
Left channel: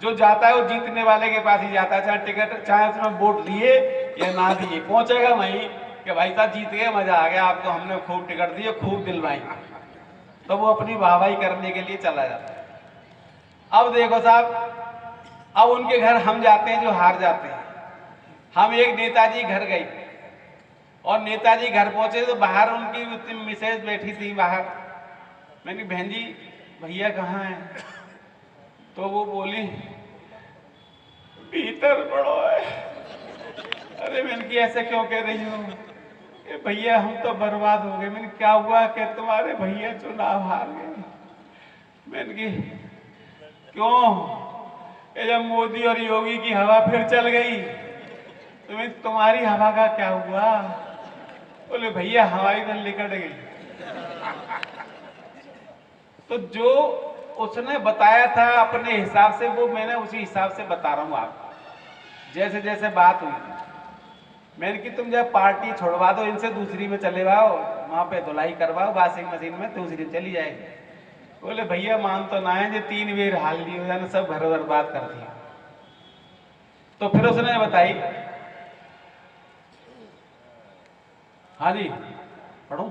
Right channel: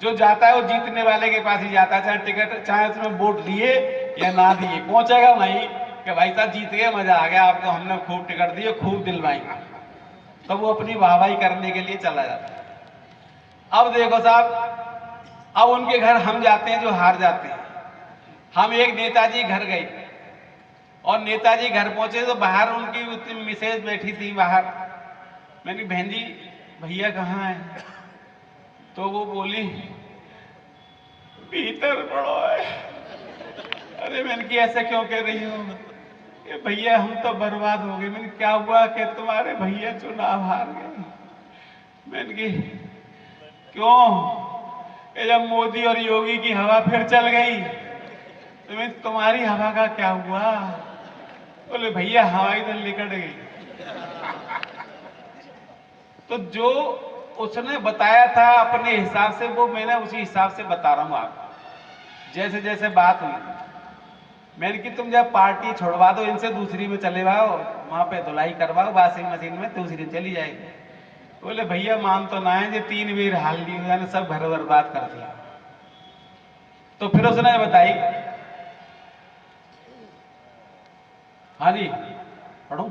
जो जाता है वो जीतने वाले के पास ही जाता है, चाहे टिकट, चाहे उसमें वोट लिए या ना दिए, पहुंचेगा वहीं कि भाई साहब जीत गए, मजा आ गया आपको, हमने खूब टिकट दिए, खूब दिलवाई। तो वो अपनी वाहवाही करने के लिए चला जाता है। अब देखो साहब, अब उनके घर हम जाते हैं जो हार जाते हैं। हम एक नेताजी घर गए, और नेताजी घर पहुंचे तो बाहर उनकी मिसेज बैठी थी बाहर। मैंने बहन जी भैया कहाँ है? तो वो बोली भीतर पड़ो है। अरे मैंने कि ऐसे क्यों कह रही हूँ कि भैया हम तो बर्बाद हो गए। मैंने क्या हुआ कि तुम्हारे भैया चुनाव हार गए? मैंने कि क्यों? ये जब मोदी और योगी की हवा फिर चल गई, तुम्हारी हवा का क्या हुआ? बोले भैया हवाई तो निकट गई। तो जो उसने बताया था अपने हिसाब से, वो मैंने उसी हिसाब से बता रहा हूं आपको। जैसे जैसे बात हुई थी, मैंने कि तुम जब पार्टी छोड़वा दो इनसे, दूसरी में चले जाओ, वहां पे धुलाई करवाओ वाशिंग मशीन में, दूसरी चली जाएगी। बोले भैया मान तो ना है, जो 3 बेर हाल ली हो जाने, सब घर बर्बाद कर दिया। तो फिर उसने बताई, हाँ जी पढ़ू,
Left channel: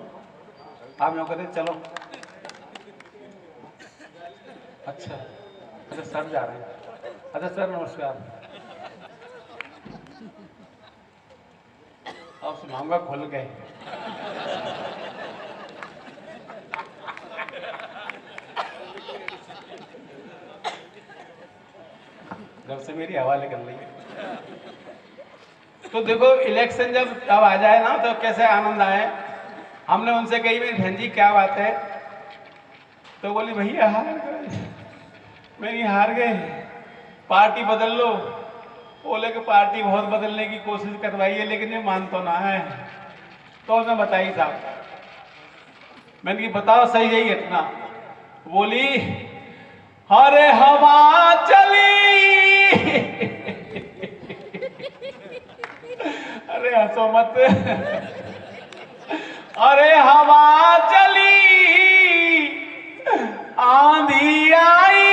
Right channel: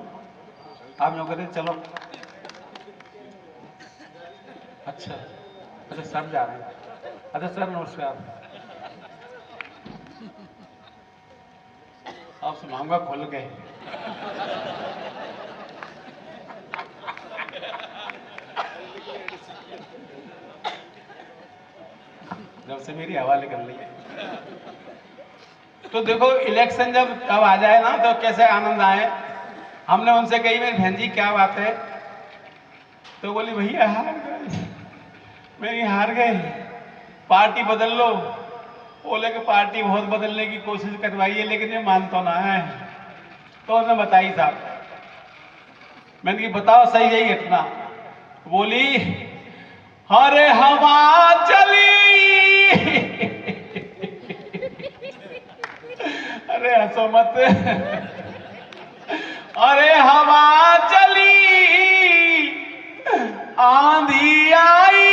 आप नौकरी चलो। अच्छा अच्छा सर जा रहे हैं। अच्छा सर नमस्कार, आप सुनाऊंगा खुल के। जब से मेरी हवा निकल रही है। तो देखो इलेक्शन जब अब आ जाए ना तो कैसे आनंद आए। हमने उनसे कही मेरी बहन जी क्या बात है, तो बोली भैया हार गए, मेरी हार गए, पार्टी बदल लो। बोले कि पार्टी बहुत बदलने की कोशिश करवाई है लेकिन ये मान तो ना है। तो उसने बताई साहब, मैंने कि बताओ सही यही घटना। बोली अरे हवा चली अरे हंसो मत। अरे हवा चली, आंधी आई,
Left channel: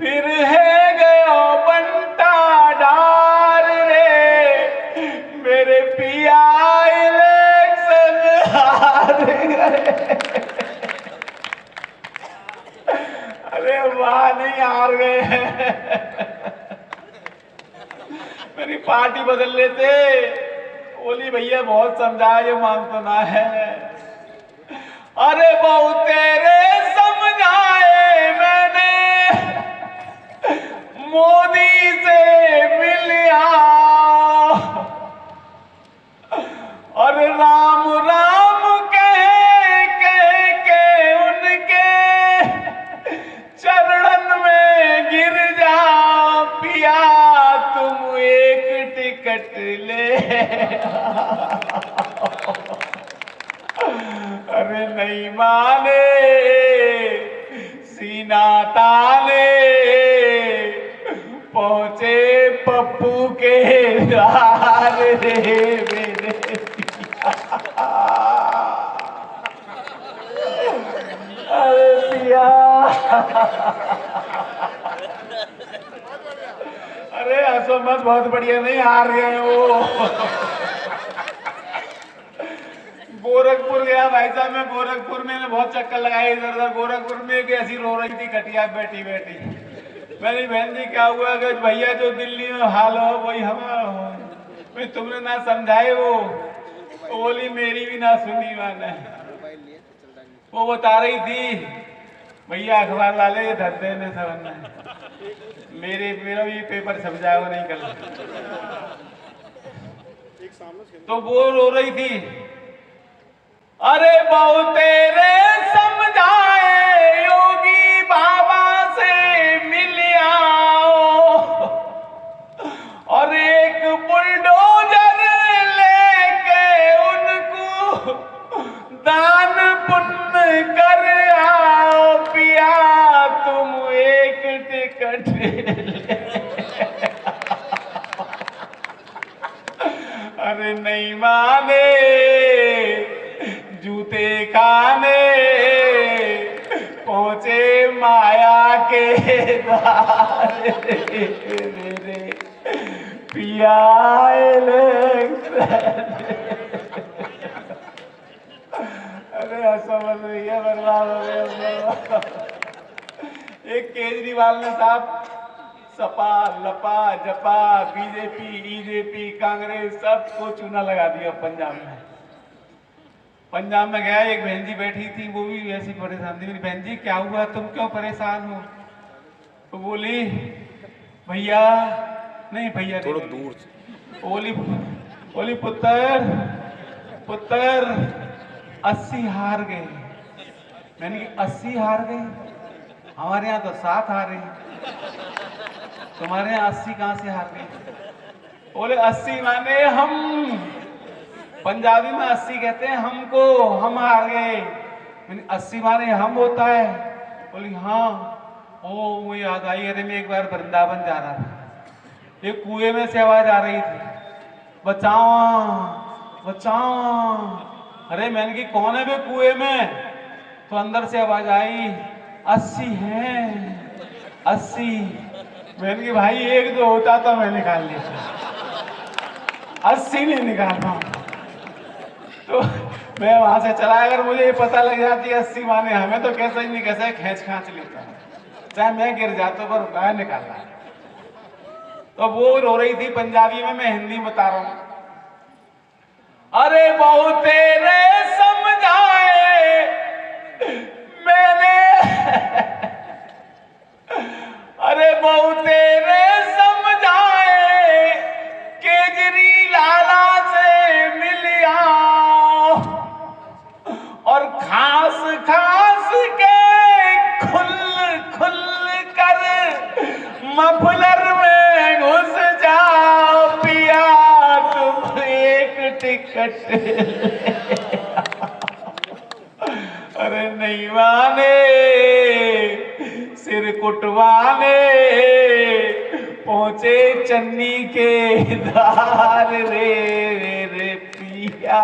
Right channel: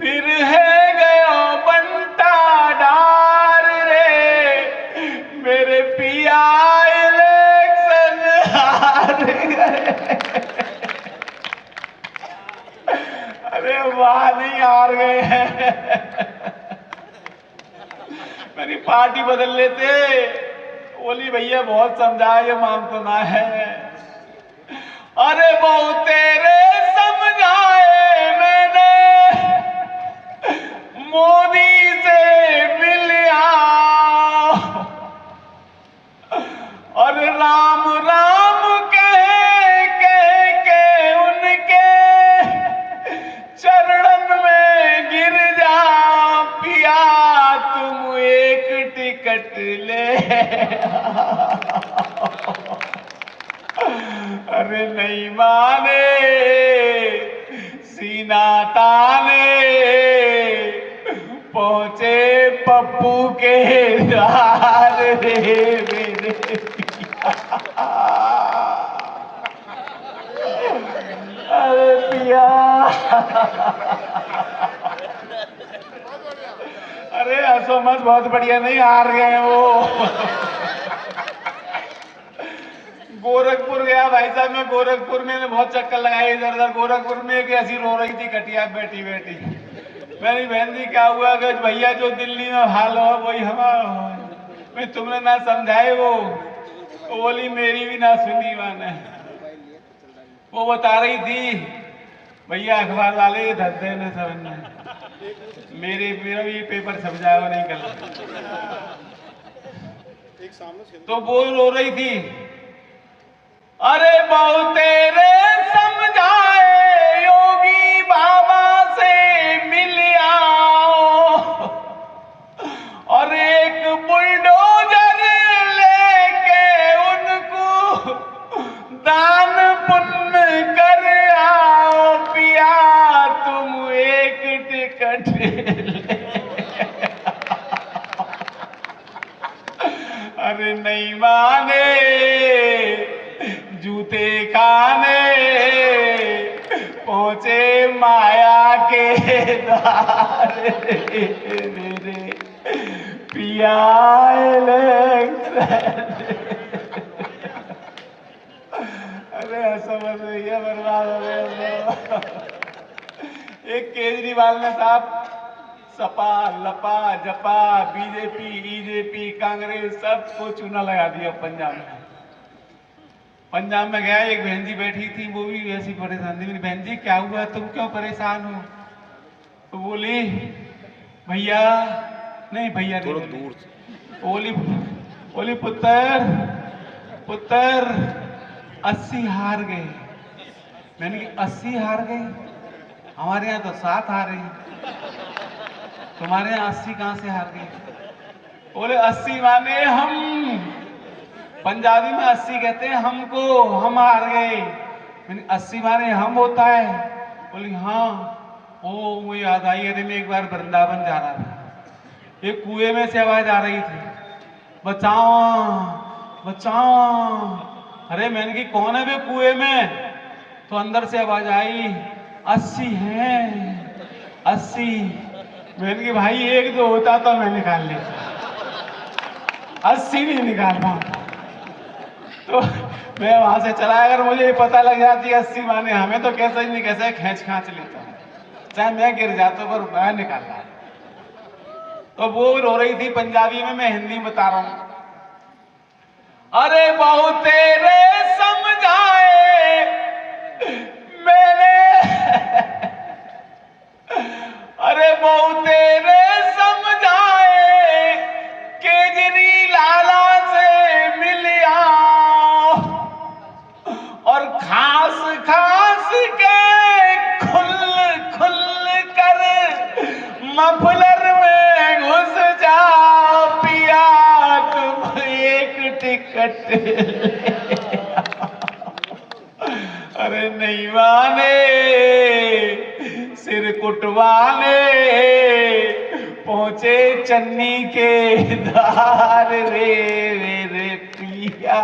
फिर है गयो बंटा डार रे, मेरे पिया इलेक्शन हार गए। अरे वाह, नहीं हार गए, मेरी पार्टी बदल लेते। बोली भैया बहुत समझा, ये मान तो ना है। अरे बहुत तेरे समझाए मैंने, मोदी से मिलिया, और राम राम कह के उनके चरणन में गिर जा पिया, तुम एक टिकट ले। अरे नहीं माने, सीना ताने, पहुंचे पप्पू के द्वार रे मेरे पिया। अरे पिया, अरे हंसो मत, बहुत बढ़िया, नहीं हार गए वो। गोरखपुर गया भाई साहब, मैं गोरखपुर में बहुत चक्कर लगाए इधर उधर। गोरखपुर में एक ऐसी रो रही थी कटिया बैठी बैठी। मेरी बहन जी क्या हुआ कि भैया जो दिल्ली में हाल हो वही हमारा हो, मैं तुमने ना समझाए वो बोली मेरी भी ना सुनी मैंने। वो बता रही थी भैया अखबार वाले धरते ने समझना, मेरा भी पेपर छप जाएगा नहीं कल। तो वो रो रही थी, अरे बहुत तेरे समझाए योगी बाबा से मिल आओ, और एक बुलडोजर लेके उनको दान पुण्य कर आओ पिया, तुम एक टिकट ले। अरे नहीं माने, जूते खाने पहुंचे माया के द्वार रे पिया। अरे हंसो मत, ये बर्बाद हो गया। एक केजरीवाल ने साहब सपा लपा जपा बीजेपी बीजेपी कांग्रेस सबको चूना लगा दिया पंजाब में। पंजाब में गया, एक बहन जी बैठी थी, वो भी वैसी परेशान थी। मेरी बहन जी क्या हुआ, तुम क्यों परेशान हो? तो बोली भैया, नहीं भैया थोड़ा दूर, बोली पुत्र 80 हार गए। मैंने कहा 80 हार गए, हमारे यहाँ तो 7 हारे। तुम्हारे यहाँ 80 कहाँ से हार गए? बोले 80 माने हम, पंजाबी में 80 कहते हैं हमको, हम हार गए। 80 माने हम होता है? बोली हाँ। ओ मुझे याद आई, अरे मैं एक बार वृंदावन जा रहा था, एक कुएं में से आवाज आ रही थी, बचाओ बचाओ। अरे मैंने की कौन है वे कुएं में? तो अंदर से आवाज आई 80 हैं 80। मैंने की भाई एक दो होता तो मैं निकाल लेता, 80 नहीं निकाल पाऊं। तो मैं वहां से चला, अगर मुझे पता लग जाती 80 माने हमें, तो कैसे ही नहीं कैसे खींच खांच लेता हूं, चाहे मैं गिर जाता पर मैं निकालना। तो वो रो रही थी पंजाबी में, मैं हिंदी में बता रहा हूं। अरे बहु तेरे समझाए मैंने, अरे बहु तेरे समझाए, केजरी लाला से मिलिया और खास खास के खुल खुल कर मफलर में घुस जाओ पिया, तुम एक टिकट अरे नहीं माने सिर कुटवाने, पहुंचे चन्नी के धार रे रे पिया।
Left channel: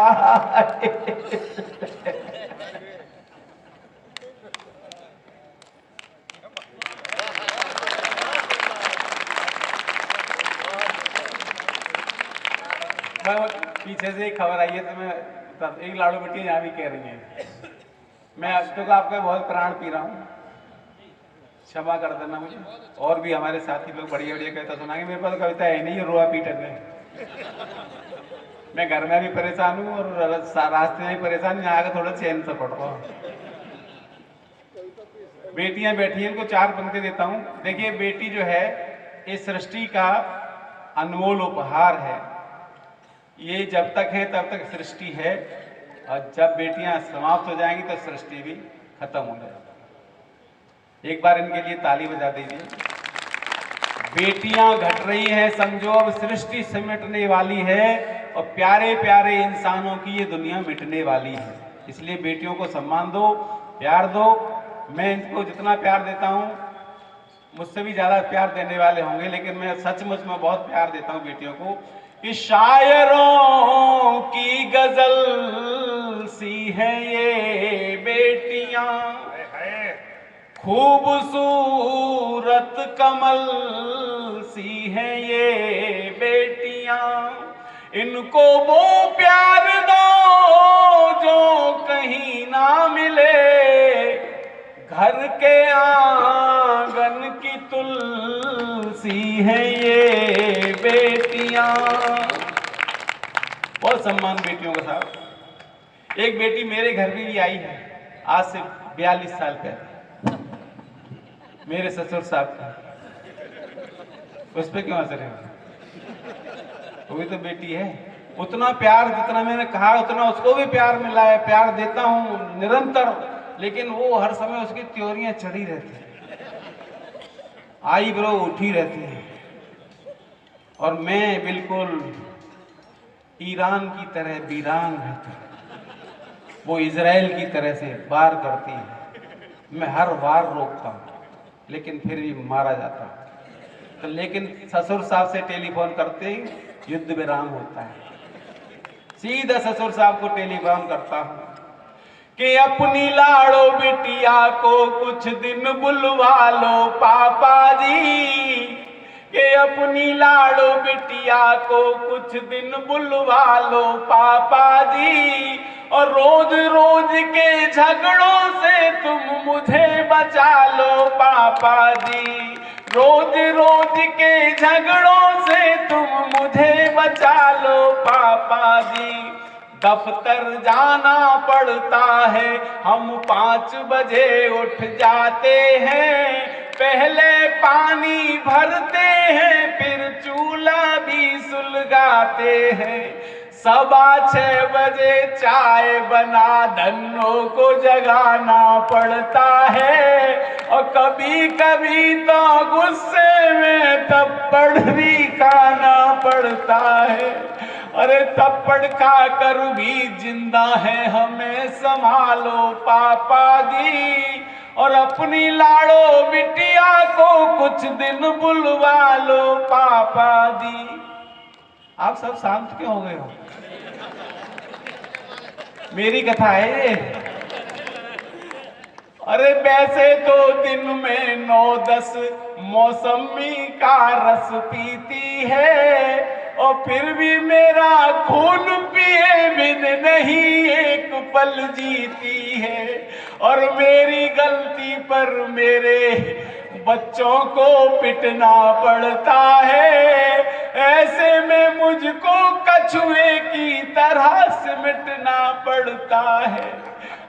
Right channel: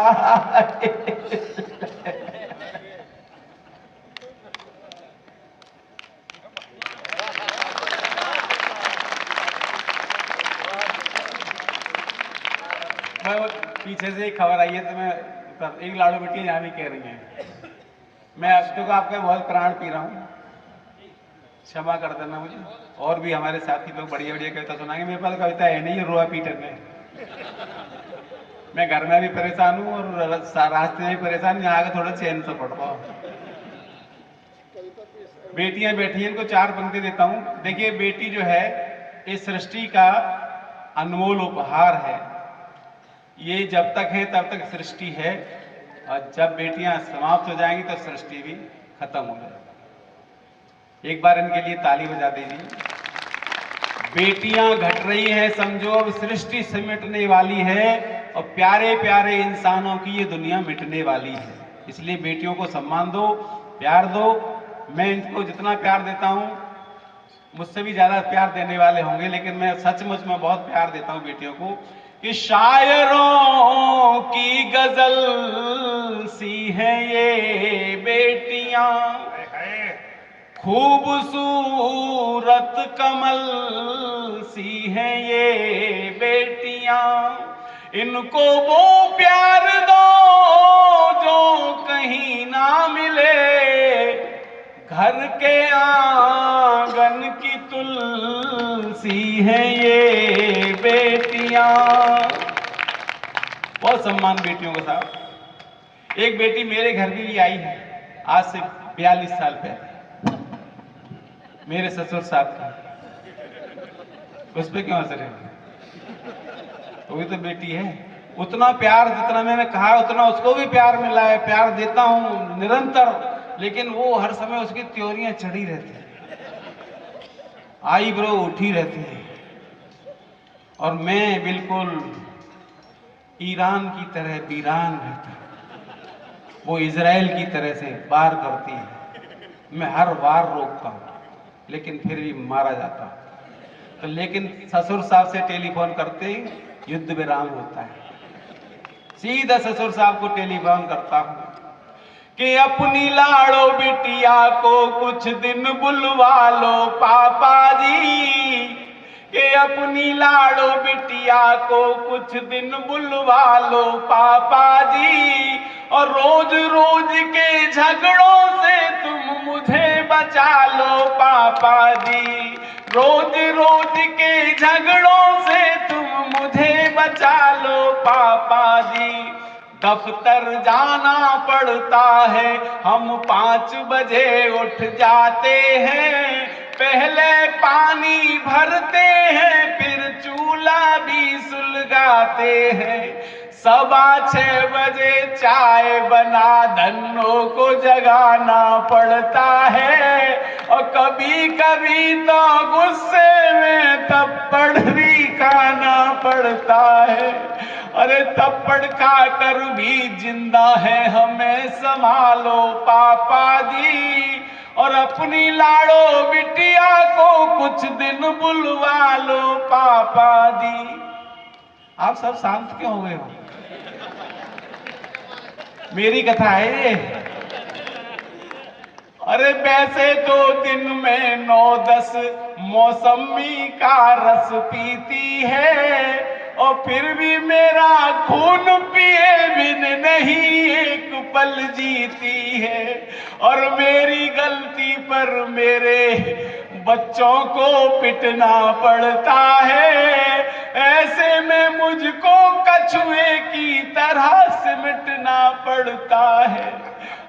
पीछे से एक खबर आई है, तो मैं एक लाड़ू बेटी यहाँ भी कह रही है, मैं अब तक आपका बहुत प्राण पी रहा हूँ, क्षमा कर देना मुझे। और भी हमारे साथी लोग बढ़िया बढ़िया कविता सुनाएंगे, मेरे पास कविता है नहीं, ये रोआ पीटर में। मैं घर में भी परेशान हूँ और रास्ते में भी परेशान, यहाँ आके थोड़ा चैन से पढ़ रहा हूँ। बेटियां बैठी हैं, इनको 4 पंक्ति देता हूँ। देखिए बेटी जो है इस सृष्टि का अनमोल उपहार है, ये जब तक है तब तक सृष्टि है, और जब बेटियां समाप्त हो जाएंगी तो सृष्टि भी खत्म हो जाएगी। एक बार इनके लिए ताली बजा दीजिए। बेटियां घट रही हैं समझो, अब सृष्टि सिमटने वाली है, और प्यारे प्यारे इंसानों की ये दुनिया मिटने वाली है। इसलिए बेटियों को सम्मान दो, प्यार दो। मैं इनको जितना प्यार देता हूं, मुझसे भी ज्यादा प्यार देने वाले होंगे, लेकिन मैं सचमुच में बहुत प्यार देता हूं बेटियों को। कि शायरों की गजल सी हैं ये बेटियां, खूबसूरत कमल सी हैं ये बेटियां, इनको वो प्यार दो जो कहीं ना मिले, घर के आंगन की तुलसी हैं ये बेटियां। बहुत सम्मान बेटियों का था। एक बेटी मेरे घर भी आई है आज से 42 साल पहले, मेरे ससुर साहब की। उस पर क्यों असर है? वो भी तो बेटी है। उतना प्यार जितना मैंने कहा उतना उसको भी प्यार मिला है, प्यार देता हूं निरंतर, लेकिन वो हर समय उसकी त्योरियां चढ़ी रहती है, आई ब्रो उठी रहती है, और मैं बिल्कुल ईरान की तरह वीरान रहता हूं, वो इजराइल की तरह से वार करती है। मैं हर वार रोकता हूं, लेकिन फिर भी मारा जाता हूं। तो लेकिन ससुर साहब से टेलीफोन करते ही युद्ध विराम होता है। सीधा ससुर साहब को टेलीफोन करता हूं कि अपनी लाड़ो बिटिया को कुछ दिन बुलवा लो पापा जी, कि अपनी लाड़ो बिटिया को कुछ दिन बुलवा लो पापा जी, और रोज रोज के झगड़ों से तुम मुझे बचा लो पापा जी, रोज रोज के झगड़ों से तुम मुझे बचा लो पापा जी। दफ्तर जाना पड़ता है, हम 5 बजे उठ जाते हैं, पहले पानी भरते हैं फिर चूल्हा भी सुलगाते हैं, 6:15 बजे चाय बना धन्नों को जगाना पड़ता है, और कभी कभी तो गुस्से में थप्पड़ भी खाना पड़ता है। अरे थप्पड़ खाकर भी जिंदा है, हमें संभालो पापा जी, और अपनी लाड़ो बिटिया को कुछ दिन बुलवा लो पापा जी। आप सब शांत क्यों हो गए हो? मेरी कथा है ये। अरे वैसे तो दिन में 9-10 मौसमी का रस पीती है, और फिर भी मेरा खून पिए बिन नहीं एक पल जीती है। और मेरी गलती पर मेरे बच्चों को पिटना पड़ता है, ऐसे में मुझको कछुए की तरह सिमटना पड़ता है।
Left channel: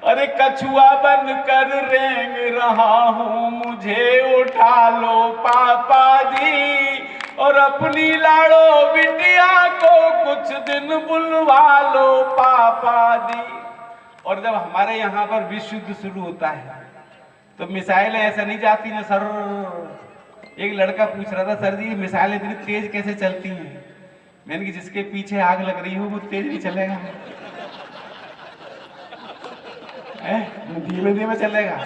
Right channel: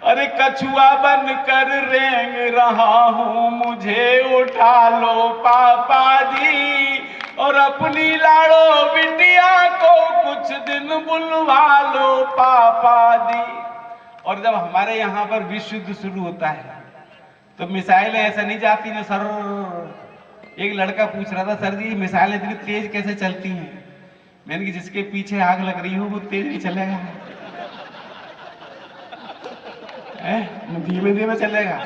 अरे कछुआ बनकर रेंग रहा हूँ, मुझे उठा लो पापा जी, और अपनी लाड़ो बिटिया को कुछ दिन बुलवा लो पापा जी। और जब हमारे यहाँ पर विश्व युद्ध शुरू होता है तो मिसाइलें ऐसे नहीं जाती ना सर। एक लड़का पूछ रहा था, सर जी मिसाइलें इतनी तेज कैसे चलती हैं? मैंने कि जिसके पीछे आग लग रही हो वो तेज नहीं चलेगा, धीमे धीमे चलेगा।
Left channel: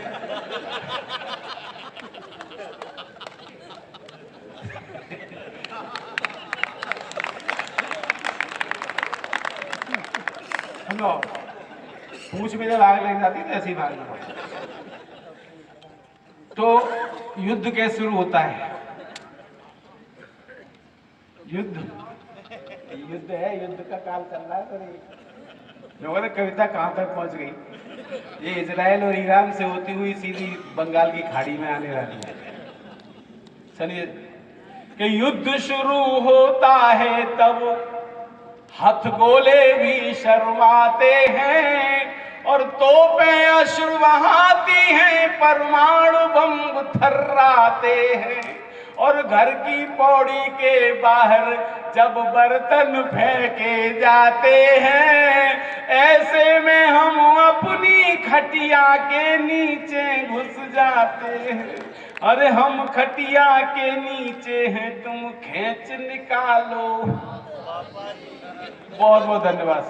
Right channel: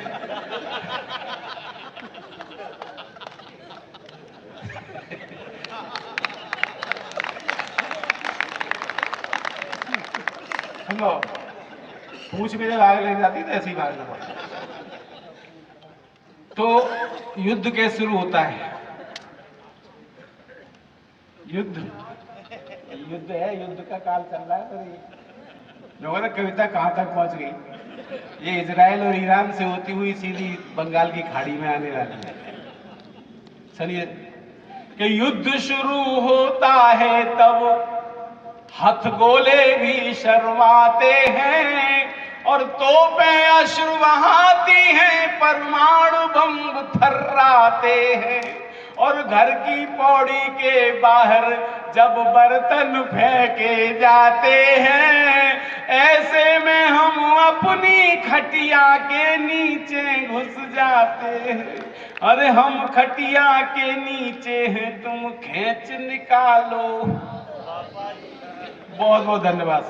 हेलो, पूछ में जब आग लग जाती तो ऐसी भाग लगा। तो युद्ध कैसे शुरू होता है? युद्ध है, युद्ध का काल चल रहा है। पर लोगों ने कविता कहां तक पहुंच गई? ये इजराइल और ईरान से होती हुई सीधी बंगाल की खाड़ी में आने वाली है। चलिए, कि युद्ध शुरू होता है तब हथगोले भी शर्माते हैं, और तोपें अश्रु बहाती हैं, परमाणु बम थर्राते हैं। और घर की पौड़ी के बाहर जब बर्तन फेंके जाते हैं, ऐसे में हम अपनी खटिया के नीचे घुस जाते हैं। अरे हम खटिया के नीचे हैं, तुम खींच निकालो। बहुत बहुत धन्यवाद।